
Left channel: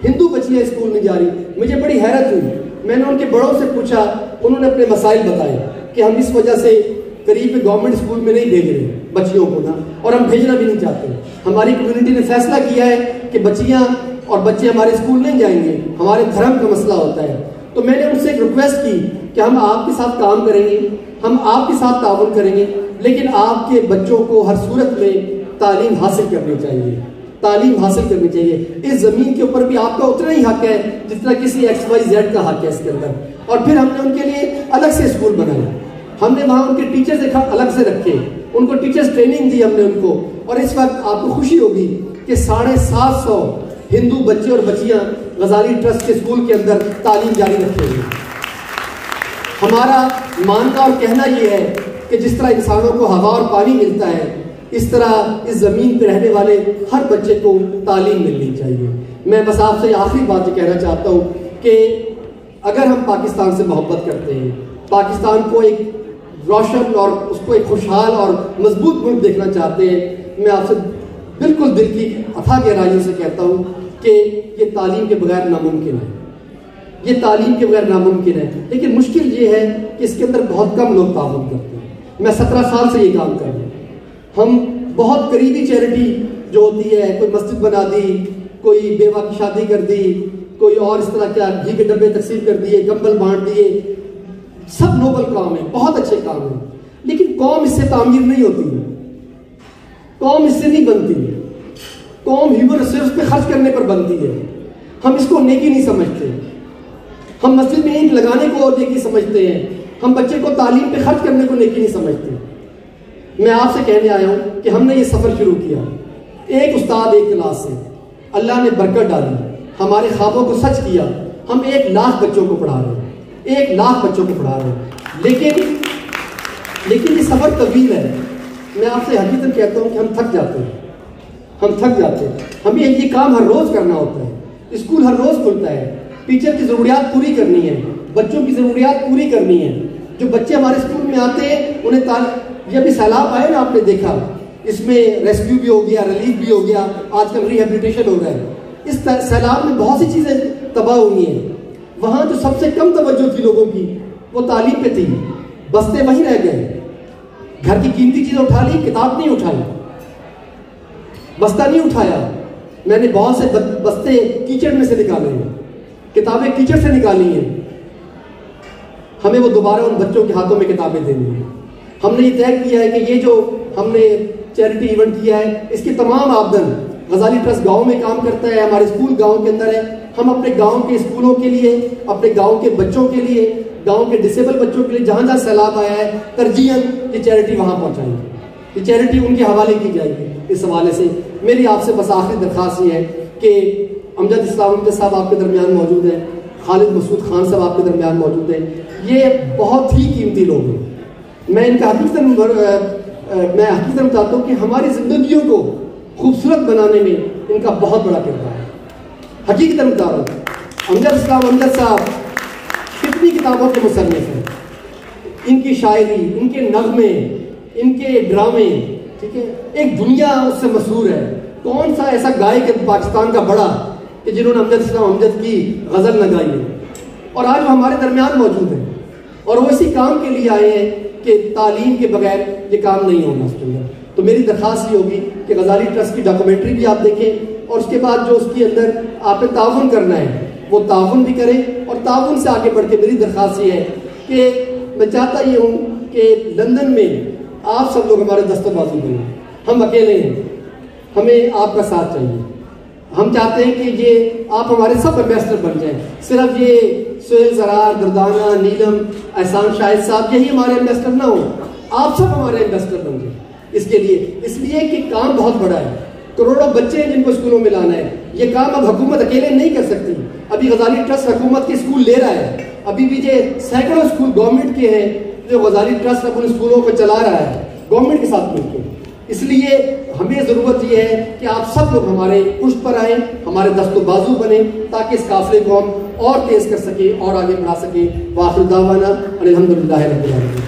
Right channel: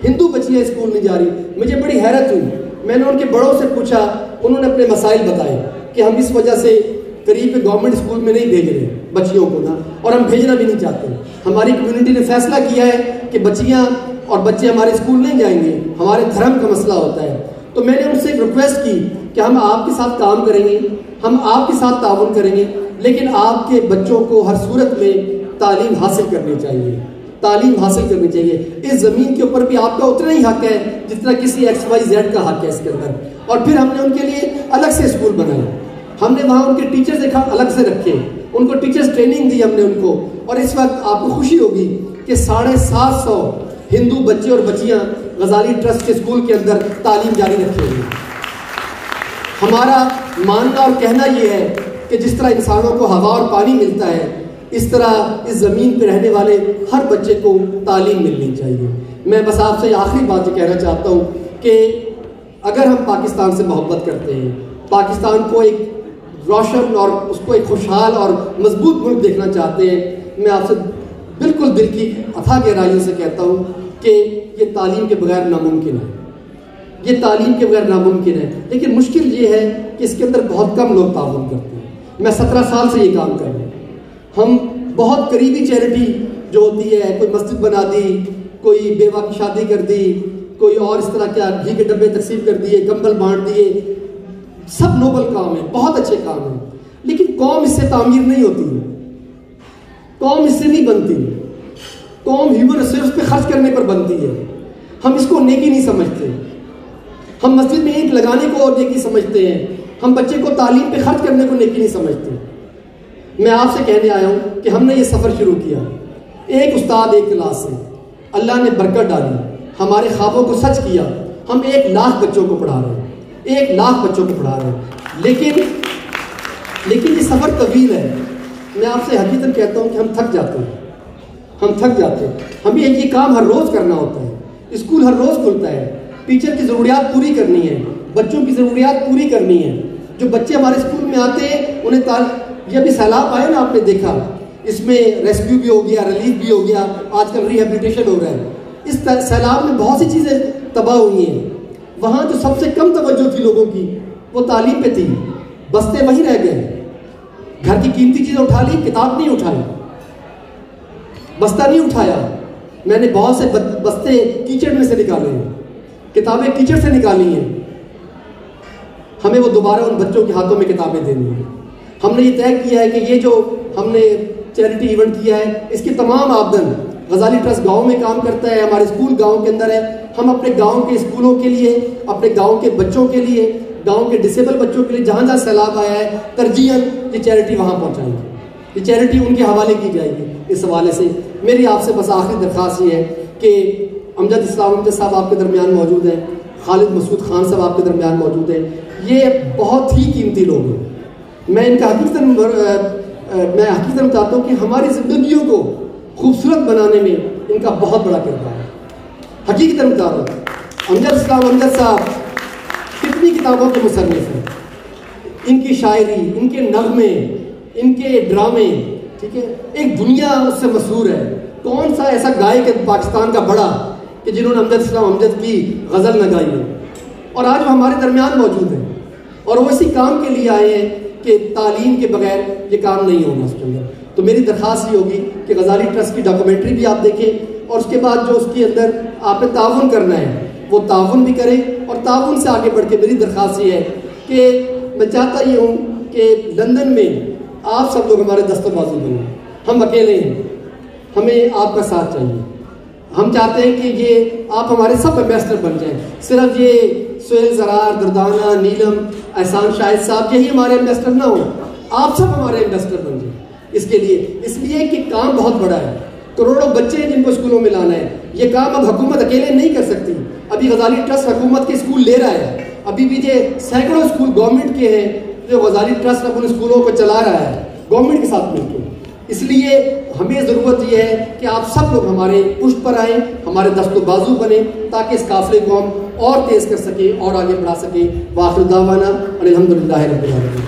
ہندو بچیاں اسکول نہیں جا رہی. مجھے بڑی حیرت ہوئی. میں نے ان کے بڑوں سے پوچھا، انہوں نے اپنے مسائل بتائے کہ ہم اس وجہ سے قریب کے گورنمنٹ اسکول میں نہیں بھیج رہے بچیوں کو نا، اور ہم بھیجنا بھی نہیں چاہتے. ہماری کمیونٹی نے فیصلہ کیا ہے کہ بچیاں اور بچے ہمارے اسکول نہیں جائیں گے، ہمارے دھرم کا مسئلہ ہوتا ہے. تو میں نے ان سے ایک ریکویسٹ کی کہ ہم آپ کے ساتھ کام کریں گے، ہم آپ کے ساتھ تعاون کریں گے، لیکن آپ کے بچوں کو ہر صورت میں تعلیم حاصل کرنی چاہیے، تعلیم حاصل کرنی چاہیے. اس زمین کے اوپر بھی آپ کا اتنا ہی حق ہے جس طرح کسی XYZ کا حق ہے اس کے اندر. اور پھر ہم نے ان کے لیے الگ سے اسکول بنائے. ہم نے وہاں ان کے ٹیچرز الگ سے رکھے، ان کو ٹیچرز ٹریننگ دی ہم نے ان کو. اور اس وقت آپ کو خوشی ہوگی کہ 750 ہندو بچے اور بچیاں غزالی ٹرسٹ کے اسکول کے اندر تعلیم جاری رکھے ہوئے. ہمارا ماننا اور کہنا یہ ہے کہ جس طرح انسانوں کو ہوا اور پانی ملتا ہے، اس طرح اس زمین پہ رہنے والے ہر بچے کو تعلیم ملنی چاہیے. میں بس آپ سے آخری بات یہ کہنا چاہتا ہوں کہ اگر ہم پاکستان سے محبت کرتے ہیں، پاکستان کو ایک روشن اور اس کو ایک خوشحال اور مضبوط ملک دیکھنا چاہتے ہیں، میں آپ سے بالکل دل کی اتھا گہرائیوں سے کہتا ہوں کہ یہ تعلیم کے بغیر ناممکن ہے، یہ تعلیم کے بغیر ناممکن ہے. لیکن مشکل یہ ہے کہ اس کے اندر بہت کم لوگ تعاون کرتے ہیں. میں 17 سال سے یہ کام کر رہا ہوں. ہم بہت قریبی چیریٹی جو ہوتی ہے، کوئی مسجد بنا دی، کوئی بیوہ کی شادی کر دی، کوئی اور اس طرح کیا گھی کے ڈبے تقسیم کر دیے، کمبل بانٹ دیے، سب نوبل کام ہے، بہت اچھے کام ہیں. لیکن قوم اس سے تعمیر نہیں ہوتی ہے، قوم اس سے نہیں بنتی ہے. قوم ہیومن ریسورس پہ خرچ کرنے پر بنتی ہے. ہم اس کو نیکی نہیں سمجھتے. ہم مسجد میں اینٹ لگانے کو اور نیکی سمجھتے ہیں، ہم بچے کو تعلیم پہ خرچ کرنے کو نیکی نہیں سمجھتے. میں آپ سے کہنے آیا ہوں کہ ہم نے یہ سفر شروع کیا ایک استاد ایک کلاس سے. اللہ نے برکت ڈالی، ہمارے خوابوں کو سچ کیا. ہم 1 لاکھ بچوں کو پڑھا رہے ہیں، 1 لاکھ بچوں کو پڑھا رہے ہیں. لیکن یہ سفر طویل ہے. میں آپ سے حقیقت کہتا ہوں کہ ہم تھک جاتے ہیں، ہم تھک جاتے ہیں. ہمیں یہ کام ہر روز کرنا ہوتا ہے. اسکول ہر روز کھلتا ہے، ٹیچر کی ضروریات پوری کرنی ہے، بچوں کی ضروریات پوری کرنی ہے. جو بچے ہمارے اسکول میں آتے ہیں انہیں یہ ابھی سیلاب آئے نا، آپ نے دیکھا، اس میں ریسکیو بھی ہو گیا، ریلیف بھی ہو گیا، آج کل ریہیبلیٹیشن ہو رہا ہے. اس سیلاب میں بہت سی چیزیں تباہ ہوئی ہیں. وہاں جو سب سے کم توجہ تھی لوگوں کی وہ تعلیم پہ تھی. بستے وہیں رہ گئے. گھر کی قیمتی چیزیں اٹھا لی، کتاب نہیں اٹھائی، بستہ نہیں اٹھایا. میں نے بہت سے بستے کیچڑ میں سے نکالے ہیں، کتابیں کیچڑ سے نکالی ہیں. ہمیں وہ دوبارہ ان بچوں کے ہاتھوں میں کتابیں دینی ہیں. ہم نے یہ طے کیا ہے کہ یہ جو ہم نے چیریٹی ایونٹ کیا ہے اس کی تمام آمدن، غزالی ٹرسٹ گاؤں میں کام کرتا ہے، ہمارے اسکول گاؤں کے اندر ہے. ہم اپنے گاؤں کے اسکولوں کے لیے، اپنے گاؤں کے بچوں کے لیے، گاؤں کے ڈسیبل بچوں کے لیے جہاں جہاں سیلاب آیا ہے ترجیحاً یہ چیریٹی وہاں پہنچائیں گے، یہ چیریٹی ان کے حوالے کی جائے گی. اس حوالے سے میری آپ سے بس آخری درخواست یہ ہے کہ امجد اسلام صاحب آپ کے درمیان موجود ہیں، خالد مسعود خان صاحب آپ کے درمیان موجود ہیں. یہ بہت ہی قیمتی لوگ ہیں. میں ان کا حقیقتاً چاہتا ہوں کہ ہماری زندگیوں کو خوبصورت بنانے میں ان کا بہت بڑا کردار ہے. حقیقتاً چاہتا ہوں امجد صاحب کتنی کتابوں کے مصنف ہیں. ان کی شاعری، ان کے نغمے، ان کے ڈرامے، ٹھیک ہے، ایک دنیا اس سے مسحور ہے. کون سا ایسا گائک ہے پاکستان کا بڑا کہ جنہوں نے امجد کی غزل نہ گائی ہے. اور آج وہ ہمارے درمیان موجود ہیں اور وہ اسی کام کے لیے آئے ہیں کہ تعلیم کے بغیر یہ کام نہیں ہوگا اس کے اندر. تو میری درخواست یہ ہوگی کہ غزالی ٹرسٹ کی ڈاکومنٹری بھی آپ دیکھیں اور اس کے بعد جو اس کے اندر آپ نے تعاون کرنا ہے وہ تعاون بھی کریں. اور تعاون سے آگے بڑھ کے میری درخواست یہ ہے کہ میں چاہتا یہ ہوں کہ لندن میں آپ سب لوگ ہمارے دستر بازو بنیں. ہم اکیلے ہیں، ہمیں آپ کا ساتھ چاہیے. ہم چاہتے ہیں کہ یہ آپ ہمارے سب ایمبیسڈر بن جائیں. صرف یہ سہیل زرار، دردانہ، نیلم، احسان شاہد صاحب یہی ہمارے ایمبیسڈر نہ ہوں، آپ سب ہمارے ایمبیسڈر بن جائیں. اس لیے کہ کام بہت بڑا ہے، کروڑوں بچے ہیں جن کو اسکولوں میں لانا ہے. یہ کام اب حکومت اکیلے نہیں کر سکتی. ابھی غزالی ٹرسٹ حکومت کے اسکول لے رہا ہے. ابھی بھی یہ سینکڑوں اسکول گورنمنٹ کے ہیں جو غزالی ٹرسٹ اپنے اسکولوں کو چلا رہا ہے گورنمنٹ کے ساتھ مل کے. اس لیے ہمیں ضرورت یہ ہے کہ آپ سب لوگ ہمارے پشت پر آئیں, ہمارے دست و بازو بنیں, تاکہ اس قافلے کو ہم اور تیز کر سکیں اور آگے بڑھا سکیں. وآخر دعوانا الحمدللہ رب العالمین.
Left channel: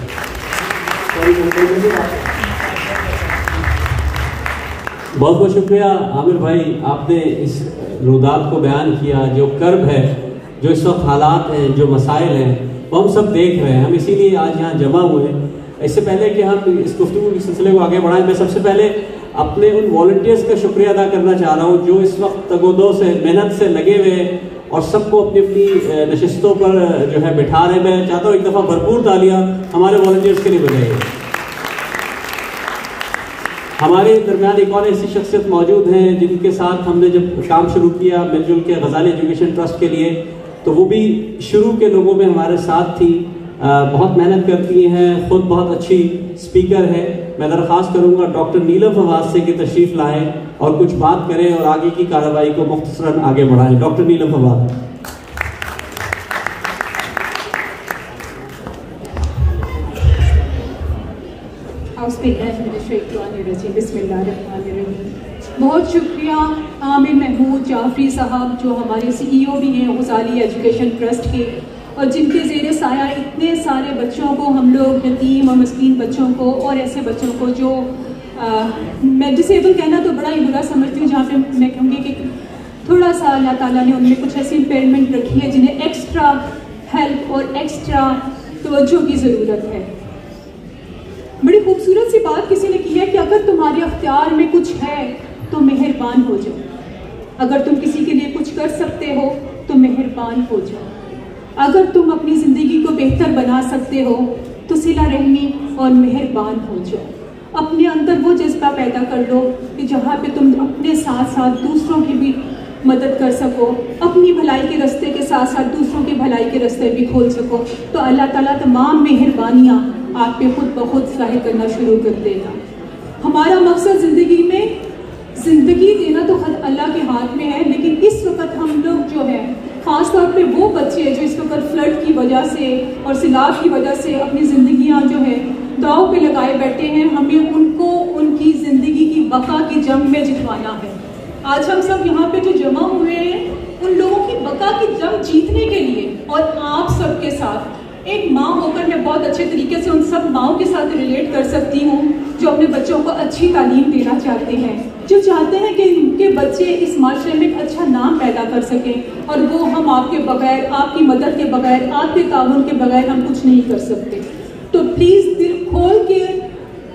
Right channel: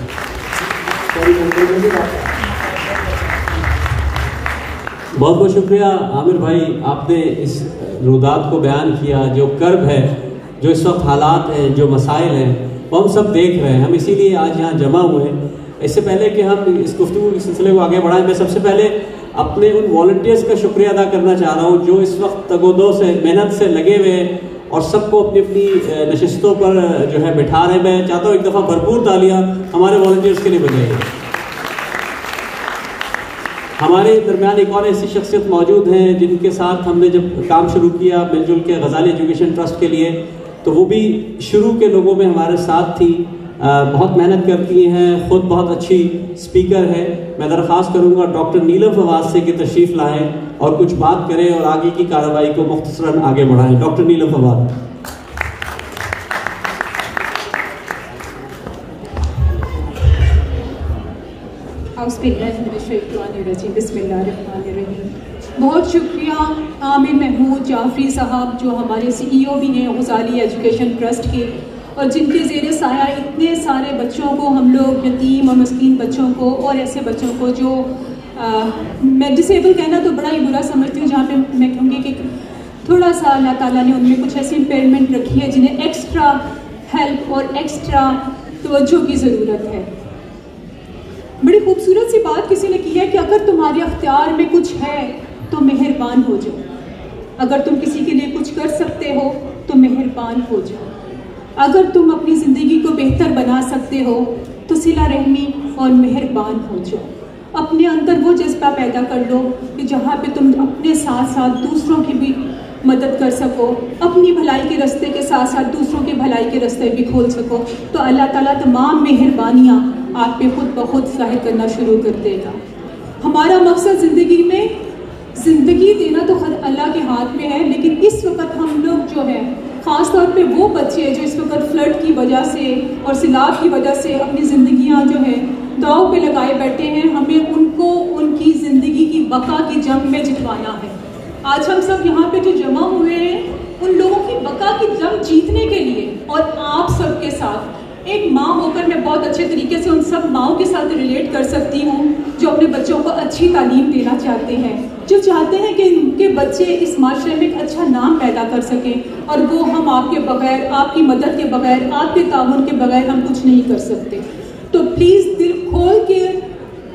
بہت بہت شکریہ عامر بھائی, آپ نے اس رودات کو بیان کیا. جو کرب ہے, جو اس وقت حالات ہیں, جو مسائل ہیں, وہ ہم سب دیکھ رہے ہیں. ہم اسی لیے آج یہاں جمع ہوئے ہیں. اس سے پہلے کہ ہم اس گفتگو کے سلسلے کو آگے بڑھائیں, میں سب سے پہلے اپنے ان والنٹیئرز کا شکریہ ادا کرنا چاہ رہا ہوں جو اس وقت تگودو سے محنت سے لگے ہوئے ہیں اور سب کو اپنی اپنی نشستوں پر جو ہے بٹھا رہے ہیں. میں چاہتا ہوں ایک دفعہ بھرپور تالیاں ہمارے والنٹیئرز کے لیے بجائیے. ہمارے درمیان ایک اور ایسی شخصیت موجود ہیں جن کے ساتھ ہم نے جب کام شروع کیا مل جل کے غزالی ایجوکیشن ٹرسٹ کے لیے, تو وہ بھی شروع کے لوگوں میں ہمارے ساتھ تھی. بہت محنت کرتی ہیں, خود بہت اچھی اسپیکر ہے. میں درخواست کروں گا ڈاکٹر نیلم فواد سے کہ تشریف لائیں اور کچھ بات کریں اور آگے کی کارروائی کو مختصراً آگے بڑھائیں. ڈاکٹر نیلم فواد. بسم اللہ الرحمن الرحیم. بہت شکریہ عامر محمود جعفری صاحب جو ہمارے CEO بھی ہیں غزالی ایجوکیشن ٹرسٹ کے, اور جن کے زیر سایہ اتنے سارے بچوں کو ہم لوگ یتیم اور مسکین بچوں کو اور ایسے بچوں کو جو میں ڈسیبل کہنا تو بڑا ہی برا سمجھتی ہوں, جہاں پہ میں کہوں گی کہ تھوڑا سا اللہ تعالیٰ نے ان میں کچھ ایسی امپیئرمنٹ رکھی ہے جنہیں ایکسٹرا ہیلپ اور ایکسٹرا توجہ کی ضرورت ہے. بڑی خوبصورت سی بات کسی نے کی ہے کہ اگر تمہارے اختیار میں کچھ ہے تو مہربان ہو جاؤ. اگر تم کسی کے لیے کچھ کر سکتے ہو تو مہربان ہو جاؤ. اگر تم اپنی زندگی کو بہتر بنا سکتے ہو تو صلہ رحمی اور مہربان ہو جاؤ. اپنے اندر وہ جذبہ پیدا کر لو کہ جہاں پہ تم اپنے ساتھ ساتھ دوسروں کی بھی مدد کر سکو, اپنی بھلائی کے راستے کے ساتھ ساتھ دوسروں کی بھلائی کے راستے بھی کھول سکو, تو اللہ تعالیٰ تمام مہربانیاں آپ پہ خود بخود ظاہر کرنا شروع کر دے گا. ہمارا مقصد زندگی میں زندگی دینا تو خود اللہ کے ہاتھ میں ہے, لیکن اس وقت ہم لوگ جو ہے خاص طور پہ وہ بچے جو اس وقت فلڈ کی وجہ سے اور سیلاب کی وجہ سے اپنی زندگیاں جو ہے داؤ پہ لگائے بیٹھے ہیں, ہمیں ان کو ان کی زندگی کی بقا کی جنگ میں جتوانا ہے. آج ہم سب یہاں پہ جو جمع ہوئے ہیں ان لوگوں کی بقا کی جنگ جیتنے کے لیے, اور آپ سب کے ساتھ ایک ماں ہو کر میں بہت اچھے طریقے سے ان سب ماؤں کے ساتھ ریلیٹ کر سکتی ہوں جو اپنے بچوں کو اچھی تعلیم دینا چاہتے ہیں, جو چاہتے ہیں کہ ان کے بچے اس معاشرے میں ایک اچھا نام پیدا کر سکیں, اور وہ ہم آپ کے بغیر, آپ کی مدد کے بغیر, آپ کے تعاون کے بغیر ہم کچھ نہیں کر سکتے. تو پلیز دل کھول کے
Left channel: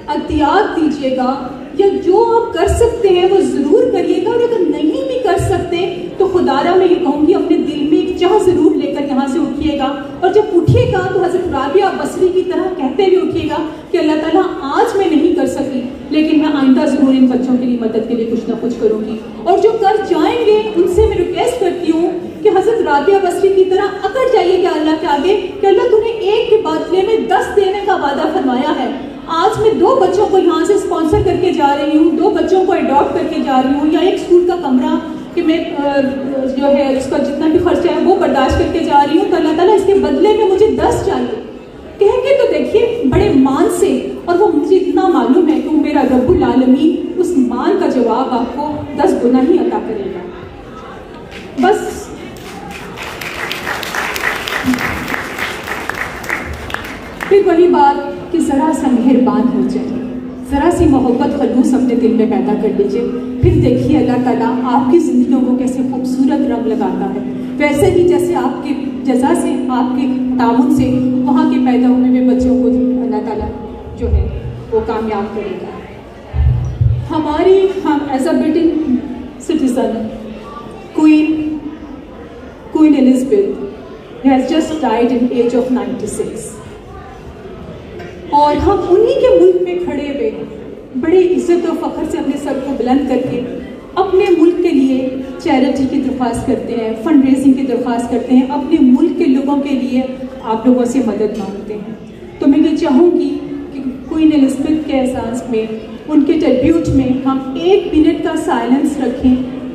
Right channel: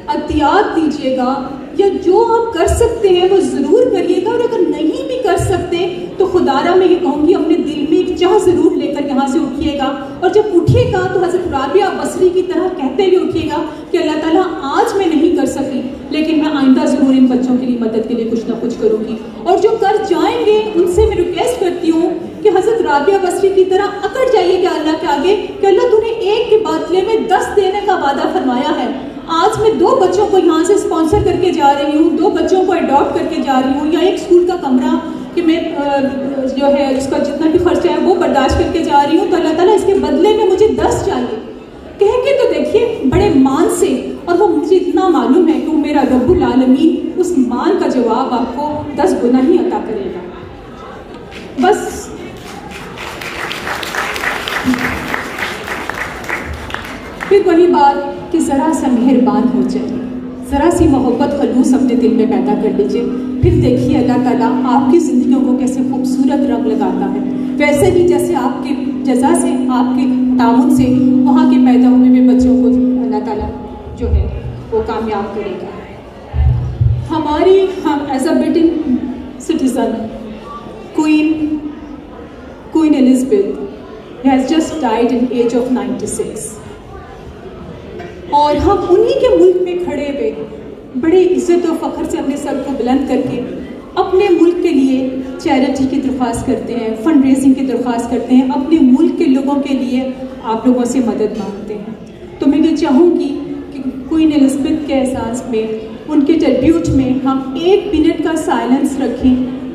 احتیاط دیجیے گا, یا جو آپ کر سکتے ہیں وہ ضرور کریے گا, اور اگر نہیں بھی کر سکتے تو خدارہ میں یہ کہوں گی اپنے دل میں ایک چاہ ضرور لے کر یہاں سے اٹھیے گا, اور جب اٹھیے گا تو حضرت رابعہ بصری کی طرح کہتے ہوئے اٹھیے گا کہ اللہ تعالیٰ آج میں نہیں کر سکی لیکن میں آئندہ ضرور ان بچوں کے لیے مدد کے لیے کچھ نہ کچھ کروں گی. اور جو کر جائیں گے ان سے میں ریکویسٹ کرتی ہوں کہ حضرت رابعہ بصری کی طرح اکڑ جائیے کہ اللہ کے آگے کہ اللہ تو نے ایک کے بدلے میں 10 دینے کا وعدہ فرمایا ہے. آج میں 2 بچوں کو یہاں سے اسپانسر کر کے جا رہی ہوں, 2 بچوں کو اڈاپٹ کر کے جا رہی ہوں, یا ایک اسکول کا کمرہ کہ میں جو ہے اس کا جتنا بھی خرچہ ہے وہ برداشت کر کے جا رہی ہوں, تو اللہ تعالیٰ اس کے بدلے میں مجھے 10 چاہیے کہہ کے تو دیکھیے بڑے مان سے, اور وہ مجھے اتنا معلوم ہے کہ میرا رب العالمین اس مان کا جواب آپ کو 10 گنا ہی عطا کرے گا. بس پھر وہی بات کہ ذرا سا مہربان ہو جائے, ذرا سی محبت خلوص اپنے دل میں پیدا کر لیجیے, پھر دیکھیے اللہ تعالیٰ آپ کی زندگیوں کو کیسے خوبصورت رنگ لگاتا ہے. ویسے ہی جیسے آپ کے جزا سے, آپ کے تعاون سے وہاں کے پیدا ہوئے ہوئے بچوں کو اللہ تعالیٰ جو ہے وہ کامیاب کرے گا. ہماری ہم as a Briton citizen queen Elizabeth has just died in age of 96, اور ہم انہی کے ملک میں کھڑے ہوئے بڑے عزت و فخر سے اپنے سر کو بلند کر کے اپنے ملک کے لیے چیریٹی کی درخواست کرتے ہیں, فنڈ ریزنگ کی درخواست کرتے ہیں, اپنے ملک کے لوگوں کے لیے آپ لوگوں سے مدد مانگتے ہیں. تو میں یہ چاہوں گی کہ کوئین ایلزبتھ کے احساس میں, ان کے ٹریبیوٹ میں ہم 1 منٹ کا سائلنس رکھیں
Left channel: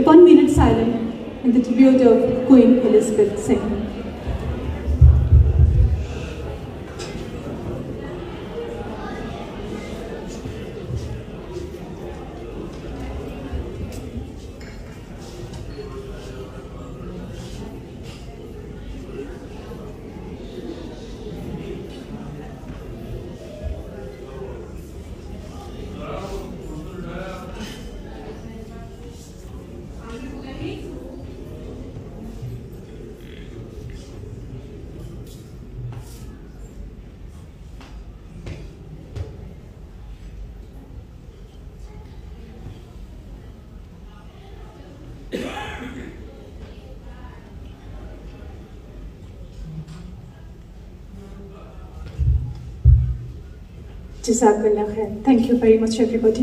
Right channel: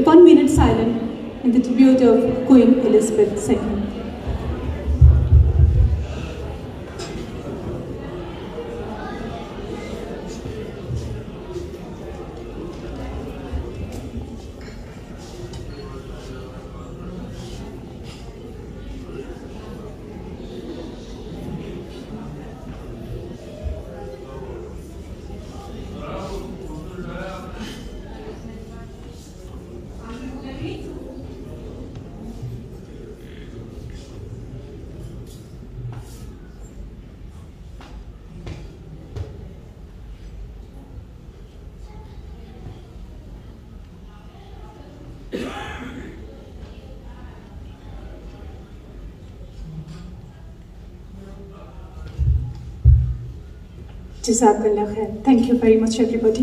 1 minute silence in the tribute of Queen Elizabeth II. Jazakallah khair. Thank you very much everybody.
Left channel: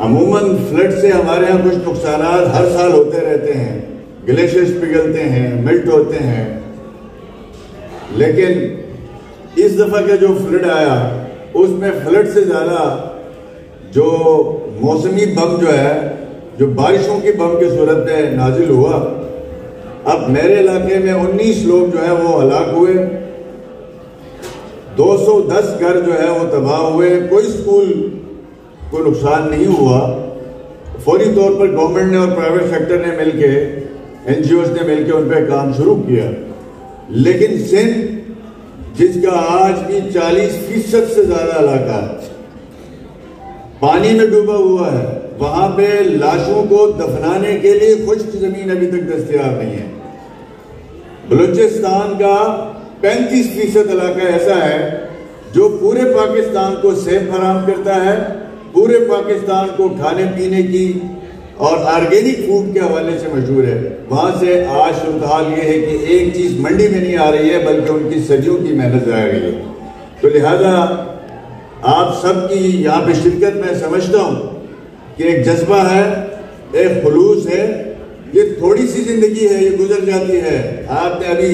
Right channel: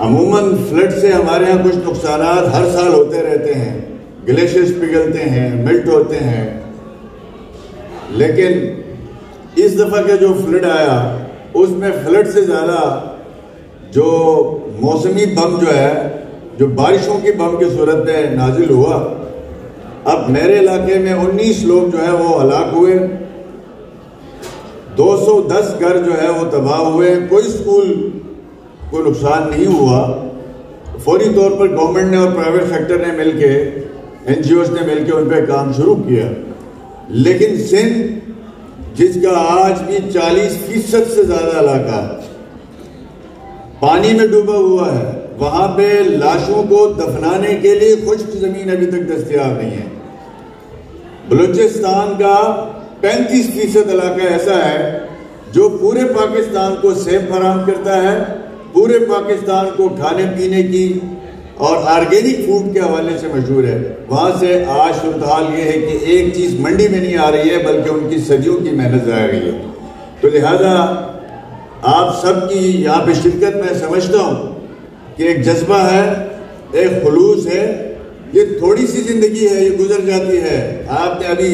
عموماً فلڈ سے ہمارے یہاں کچھ نقصانات ہر سال ہوتے رہتے ہیں، گلیشیئرز پگھلتے ہیں، ملٹ ہوتے ہیں، لیکن اس دفعہ کا جو فلڈ آیا اس میں فلڈ سے زیادہ جو موسمی بم جو ہے، جو بارشوں کی بم کی صورت میں نازل ہوا. اب میرے علاقے میں 19 لوگ جو ہیں وہ ہلاک ہوئے، 210 گھر جو ہے وہ تباہ ہوئے. کوئی اسکول کو نقصان نہیں ہوا. فوری طور پر گورنمنٹ نے اور پرائیویٹ سیکٹر نے مل کے، این جی اوز نے مل کے ان پہ کام شروع کیا. لیکن سندھ جس کا آج بھی 40% سے زیادہ علاقہ پانی میں ڈوبا ہوا ہے، وہاں پہ لاشوں کو دفنانے کے لیے خشک زمین ابھی تک دستیاب نہیں ہے. بلوچستان کا 35% علاقہ ایسا ہے جو پورے پاکستان کو صحت فراہم کرتا ہے، پورے پاکستان کو کھانے پینے کی اور آرگینک فوڈ کے حوالے سے مشہور ہے. وہاں سے آج صورتحال یہ ہے کہ ایک چیز منڈی میں نہیں آ رہی ہے بلکہ ان کی صدیوں کی محنت آ گئی ہے. تو لہذا آپ سب کی یہاں پہ شرکت میں سمجھتا ہوں کہ ایک جذبہ ہے، ایک خلوص ہے. یہ تھوڑی سی زندگی ہے، یہ گزر جاتی ہے. آپ نے ابھی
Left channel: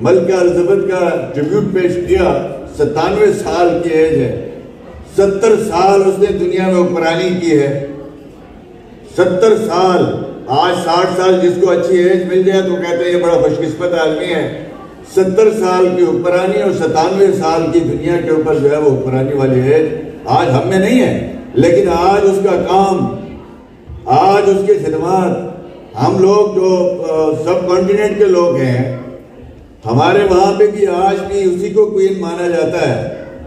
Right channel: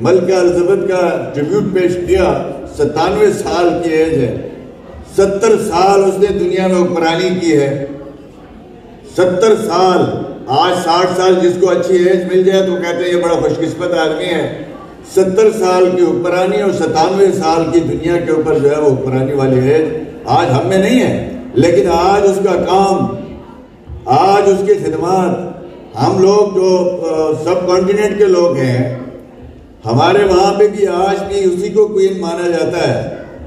ملکہ الزبتھ کا ٹریبیوٹ پیش کیا، 97 سال کی ایج ہے، 70 سال اس نے دنیا میں حکمرانی کی ہے. 70 سال. آج 60 سال جس کو اچھی ایج مل جائے تو کہتے ہیں یہ بڑا خوش قسمت آدمی ہے. 70 سال کی حکمرانی اور 97 سال کی دنیا کے اوپر جو ہے وہ حکمرانی والی ایج آج ہم میں نہیں ہے، لیکن آج اس کا کام، آج اس کی خدمات، ہم لوگ جو سب کانٹیننٹ کے لوگ ہیں، ہمارے وہاں پہ بھی آج بھی اسی کو کوئین مانا جاتا ہے،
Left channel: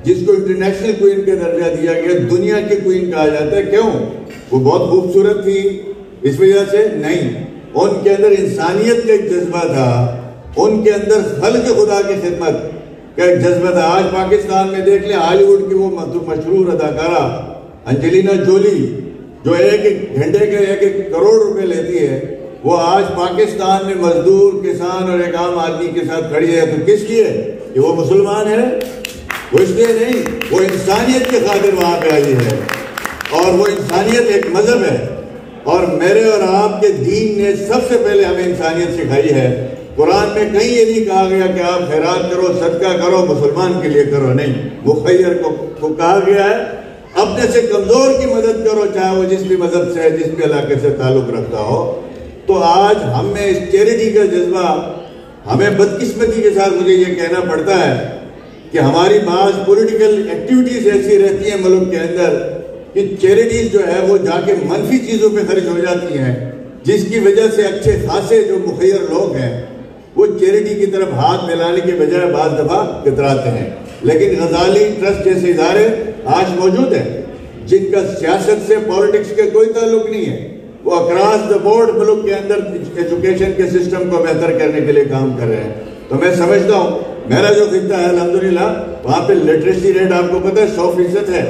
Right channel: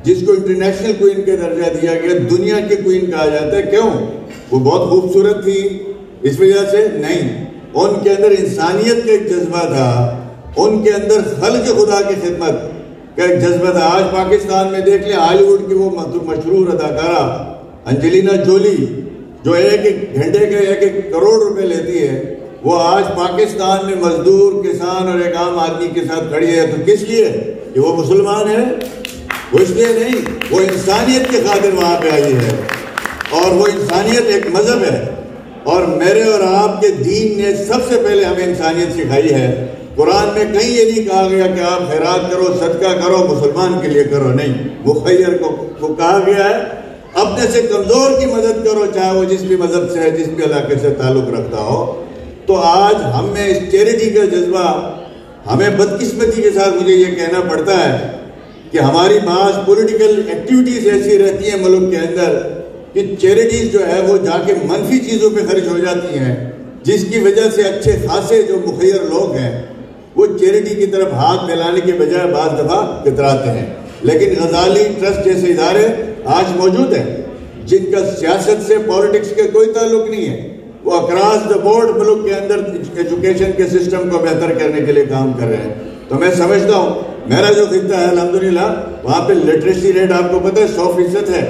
جس کو انٹرنیشنل کوئین کا درجہ دیا گیا، دنیا کے کوئین کہا جاتا ہے. کیوں؟ وہ بہت خوبصورت تھی اس وجہ سے نہیں، ان کے اندر انسانیت کا ایک جذبہ تھا، ان کے اندر خلق خدا کی خدمت کا ایک جذبہ تھا. آج پاکستان میں دیکھ لیں، ہالی ووڈ کی وہ مشہور اداکارہ انجلینا جولی جو ایک گھنٹے کے 1 کروڑ روپے لیتی ہے، وہ آج پاکستان میں مزدور، کسان اور ایک عام آدمی کے ساتھ کھڑی ہے. تو کس لیے؟ کہ وہ مسلمان ہے؟ وہ اس لیے نہیں، وہ انسانیت کی خاطر وہاں پہ آئی ہے. اور وہ انسانیت ایک مذہب ہے، اور میرے اور آپ کے دین نے سب سے پہلے ہمیں انسانیت سکھائی ہے. قرآن میں کہیں یہ نہیں کہا گیا کہ آپ خیرات کرو، صدقہ کرو، مسلمان کے لیے کرو، نہیں. مخیر کو کہا گیا ہے اپنے سے کمزور کی مدد کرو، چاہے وہ جس بھی مذہب سے ہے، جس بھی علاقے سے تعلق رکھتا ہو. تو آج ہم میں اس چیریٹی کا جذبہ، ہمیں بدقسمتی کے ساتھ مجھے یہ کہنا پڑتا ہے کہ ہماری بعض پولیٹیکل ایکٹیویٹیز ایسی رہتی ہیں ملک کے اندر کہ چیریٹیز جو ہے وہ جا کے منفی چیزوں پہ خرچ ہو جاتی ہیں، جس کی وجہ سے اچھے خاصے جو مخیر لوگ ہیں وہ چیریٹی کی طرف ہاتھ ملانے کے بجائے بعض دفعہ کتراتے ہیں. لیکن غزالی ٹرسٹ جیسے ادارے آج موجود ہیں جن کا سیاست سے پالیٹکس کے کوئی تعلق نہیں ہے. وہ اکراس دا بورڈ ملک کے اندر ایجوکیشن کے سسٹم کو بہتر کرنے کے لیے کام کر رہے ہیں. تو میں سمجھتا ہوں میرا جو خطہ ہے الحمدللہ وہاں پہ لٹریسی ریٹ آپ کو پتہ ہے 100% ہے.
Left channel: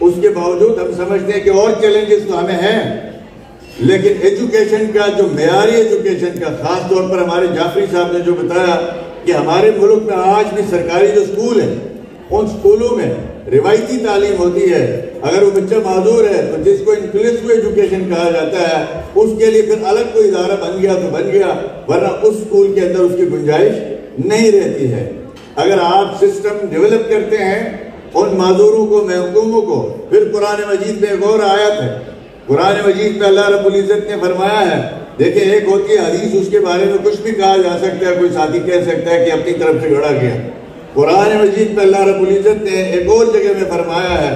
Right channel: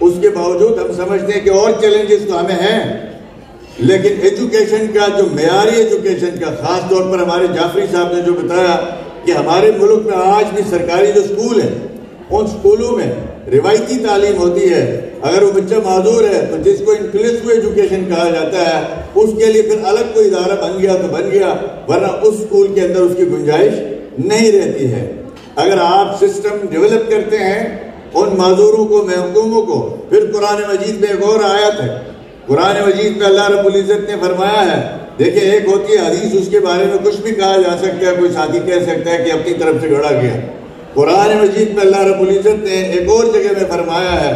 اس کے باوجود ہم سمجھتے ہیں کہ اور چیلنجز تو ہمیں ہیں، لیکن ایجوکیشن کا جو معیاری ایجوکیشن کا، خاص طور پر ہمارے جعفری صاحب نے جو بتایا کہ ہمارے ملک میں آج بھی سرکاری جو اسکول ہیں، ان اسکولوں میں روایتی تعلیم ہوتی ہے. اگر وہ بچہ معذور ہے تو جس کو انکلوسیو ایجوکیشن کہا جاتا ہے، اس کے لیے پھر الگ کوئی ادارہ بن گیا تو بن گیا، ورنہ اس اسکول کے اندر اس کی گنجائش نہیں رہتی ہے. اگر آپ سسٹم ڈیولپ کرتے ہیں ان معذوروں کو، محروموں کو، پھر قرآن مجید میں ایک اور آیت ہے، قرآن مجید میں اللہ رب العزت نے فرمایا ہے، دیکھیں ایک ہوتی ہے حدیث، اس کے بارے میں کچھ بھی کہا جا سکتا ہے، کوئی ساتھی کہہ سکتا ہے کہ اپنی طرف سے گھڑا گیا. قرآن مجید میں اللہ رب العزت نے ایک اور جگہ میں فرمایا ہے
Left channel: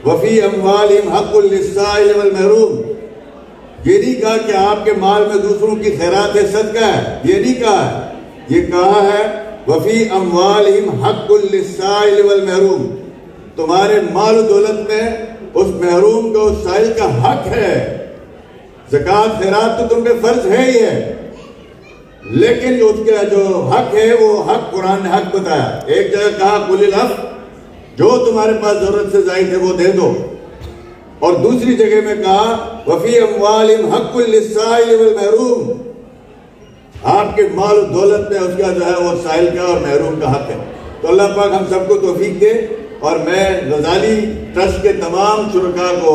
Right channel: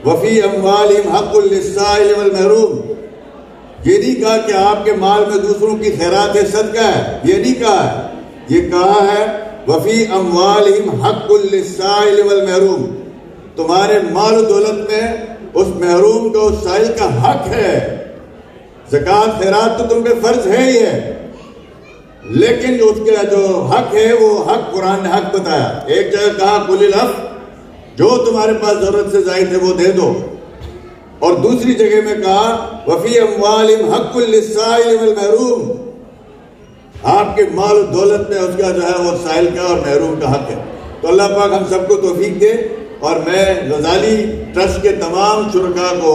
وَفِي أَمْوَالِهِمْ حَقٌّ لِلسَّائِلِ وَالْمَحْرُومِ. یہ نہیں کہا کہ آپ کے مال میں دوسروں کی خیرات ہے، صدقہ ہے، یہ نہیں کہا. یہ کہا ہے وَفِي أَمْوَالِهِمْ حَقٌّ لِلسَّائِلِ وَالْمَحْرُومِ. تمہارے مال و دولت میں اس محروم کا، اس سائل کا حق ہے. زکوٰۃ خیرات تو تم پہ فرض ہے ہی ہے، لیکن اس کا جو حق ہے وہ حق قرآن نے حق بتایا. ایک جگہ کہا قُلِ الْحَقَّ، جو تمہارے پاس ضرورت سے زائد ہے وہ دے دو، اور دوسری جگہ میں کہا وَفِي أَمْوَالِهِمْ حَقٌّ لِلسَّائِلِ وَالْمَحْرُومِ. آپ کے مال و دولت میں اس کا جو ہے وہ سائل کا اور محروم کا حق ہے. تو اللہ پاک ہم سب کو توفیق دے، اور میں غزالی ٹرسٹ کے تمام شرکاء کو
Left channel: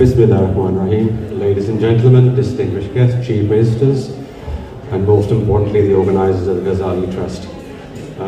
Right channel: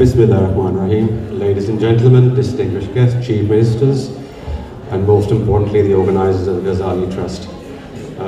Bismillahirrahmanirrahim. Ladies and gentlemen, distinguished guests, chief ministers, and most importantly the organizers of the Ghazali Trust.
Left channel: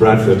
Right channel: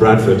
Bradford,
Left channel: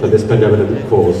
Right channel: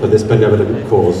for this benevolent cause,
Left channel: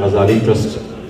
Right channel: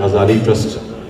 Ghazali Trust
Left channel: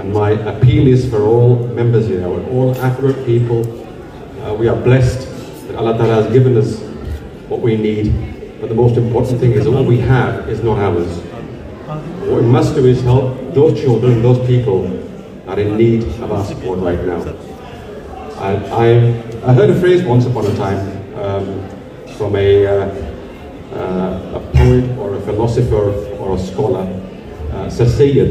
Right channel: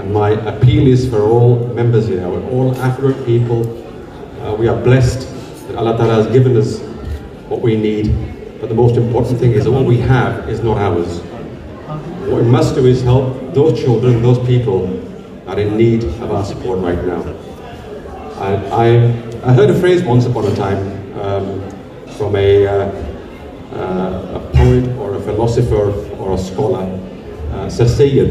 And my appeal is for all members here, all affluent people. We are blessed that Allah Ta'ala has given us what we need, but the most important thing is all we have is not ours. What we must do is help those children, those people that are in need of our support right now. I heard a phrase once upon a time from a poet or a philosopher or a scholar, Sir Sayyid,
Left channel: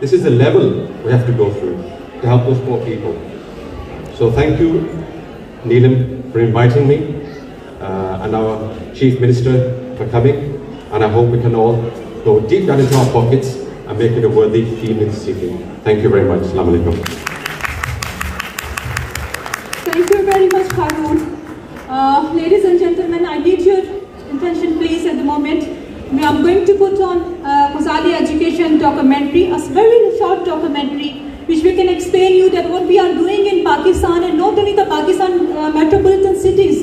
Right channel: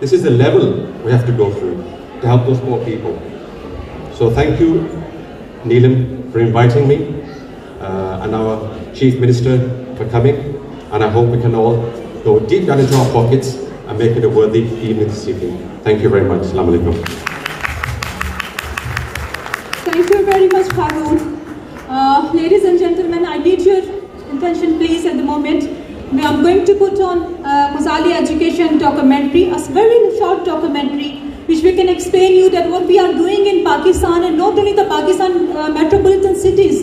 This is the level we have to go through to help those poor people. So thank you, Neelam, for inviting me, and our Chief Minister for coming, and I hope we can all go deep down into our pockets and make it a worthy evening this evening. Thank you very much. Assalamu alaikum. Thank you very much, Haroon. Ladies and gentlemen, I need your attention please at the moment. I am going to put on Ghazali Education documentary, a very short documentary, which we can explain you that what we are doing in Pakistan, and not only the Pakistan metropolitan cities,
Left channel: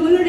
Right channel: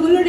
rural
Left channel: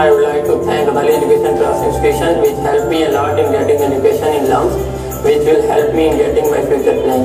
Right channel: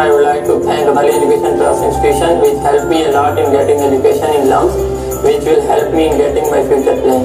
I would like to thank Gazali Education Trust Institution which helped me a lot in getting education in Lums, which will help me in getting my future plan.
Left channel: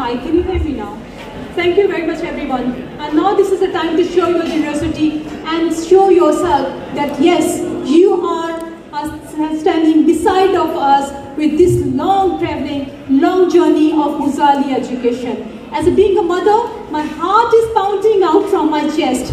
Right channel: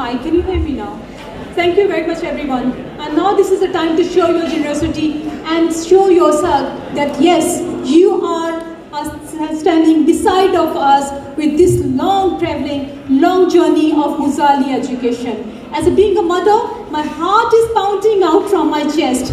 Hi, can you hear me now? Thank you very much, everyone. And now this is the time to show your generosity and show yourself that yes, you are standing beside of us with this long traveling, long journey of Gazali education. As being a mother, my heart is pounding out from my chest.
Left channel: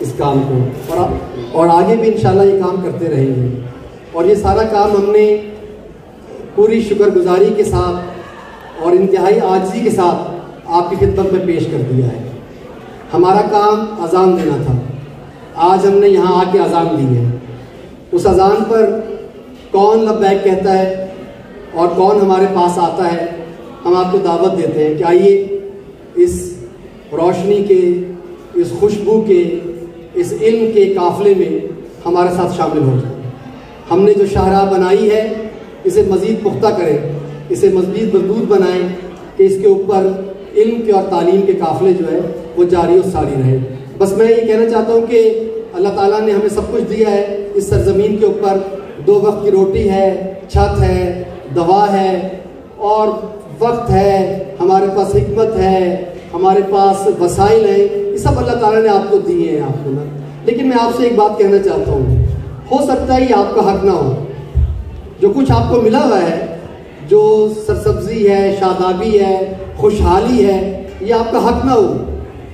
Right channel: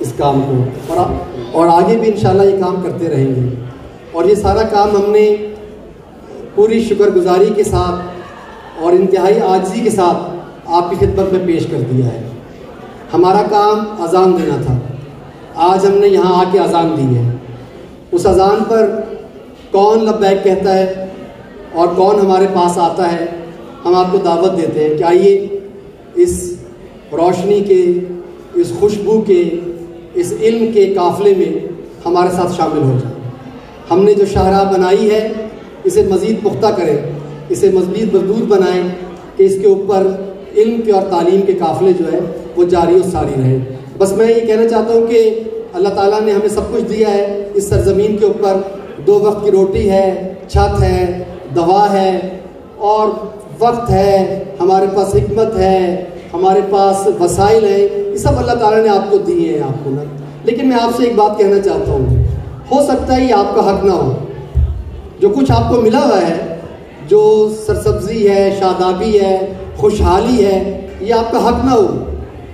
اس کام کو اور آگے بھی انشاءاللہ یہ کام کرتے رہیں گے. اور یہ سارا کام ہم نے پوری شکر گزاری کے ساتھ اور انتہائی عاجزی کے ساتھ آپ کی خدمت میں پیش کر دیا ہے. ہمارا کام اذان دینا تھا. آج ہم نے یہاں آ کے اذان دی ہے. اس اذان پر کون لبیک کہتا ہے اور کون ہمارے پاس آتا ہے, ہم آپ کو دعوت دیتے ہیں کہ آئیے اس روشنی کے, اس خوشبو کے, اس علم کے قافلے میں ہمارے ساتھ شامل ہو جائیں. ہم نے جو شاہراہ بنائی ہے اسے مزید پختہ کریں, اسے مزید مضبوط بنائیں کہ اس کے اوپر علم کے اور تعلیم کے قافلے جو ہے وہ جاری و ساری رہے. بس میں یہ کہنا چاہتا ہوں کہ اللہ تعالیٰ نے ہمیں سب کچھ دیا ہے. اس سرزمین کے اوپر 2 وقت کی روٹی ہے, چھت ہے, دوا ہے اور وقت ہے, ہمارے پاس حکمت ہے, ہمارے پاس وسائل ہیں. یہ سب اللہ تعالیٰ نے آپ کو دیے ہیں آپ کو. لیکن میں آپ سے ایک بات کہنا چاہتا ہوں, ہو سکتا ہے یہ آپ کا حق نہ ہو. جو کچھ آپ کو ملا ہوا ہے, جو سرسبزی ہے, شادابی ہے, خوشحالی ہے, یہ آپ کا حق نہ ہو.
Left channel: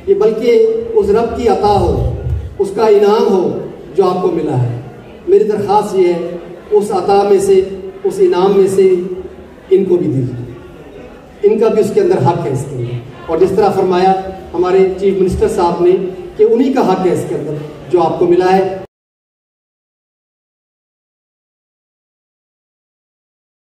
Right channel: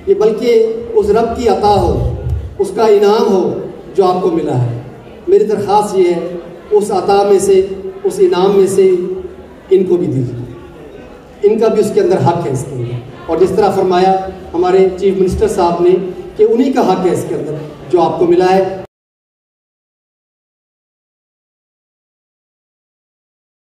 یہ بلکہ اس رب کی عطا ہو, اس کا انعام ہو جو آپ کو ملا ہے. میری درخواست یہ ہے, اس عطا میں سے, اس انعام میں سے ان کو بھی دیجیے. ان کا بھی اس کے اندر حق ہے اس کے اندر. اور جس طرح فرمایا ہمارے چیف منسٹر صاحب نے کہ انہی کا حق ہے اس کے اندر جو آپ کو ملا ہے.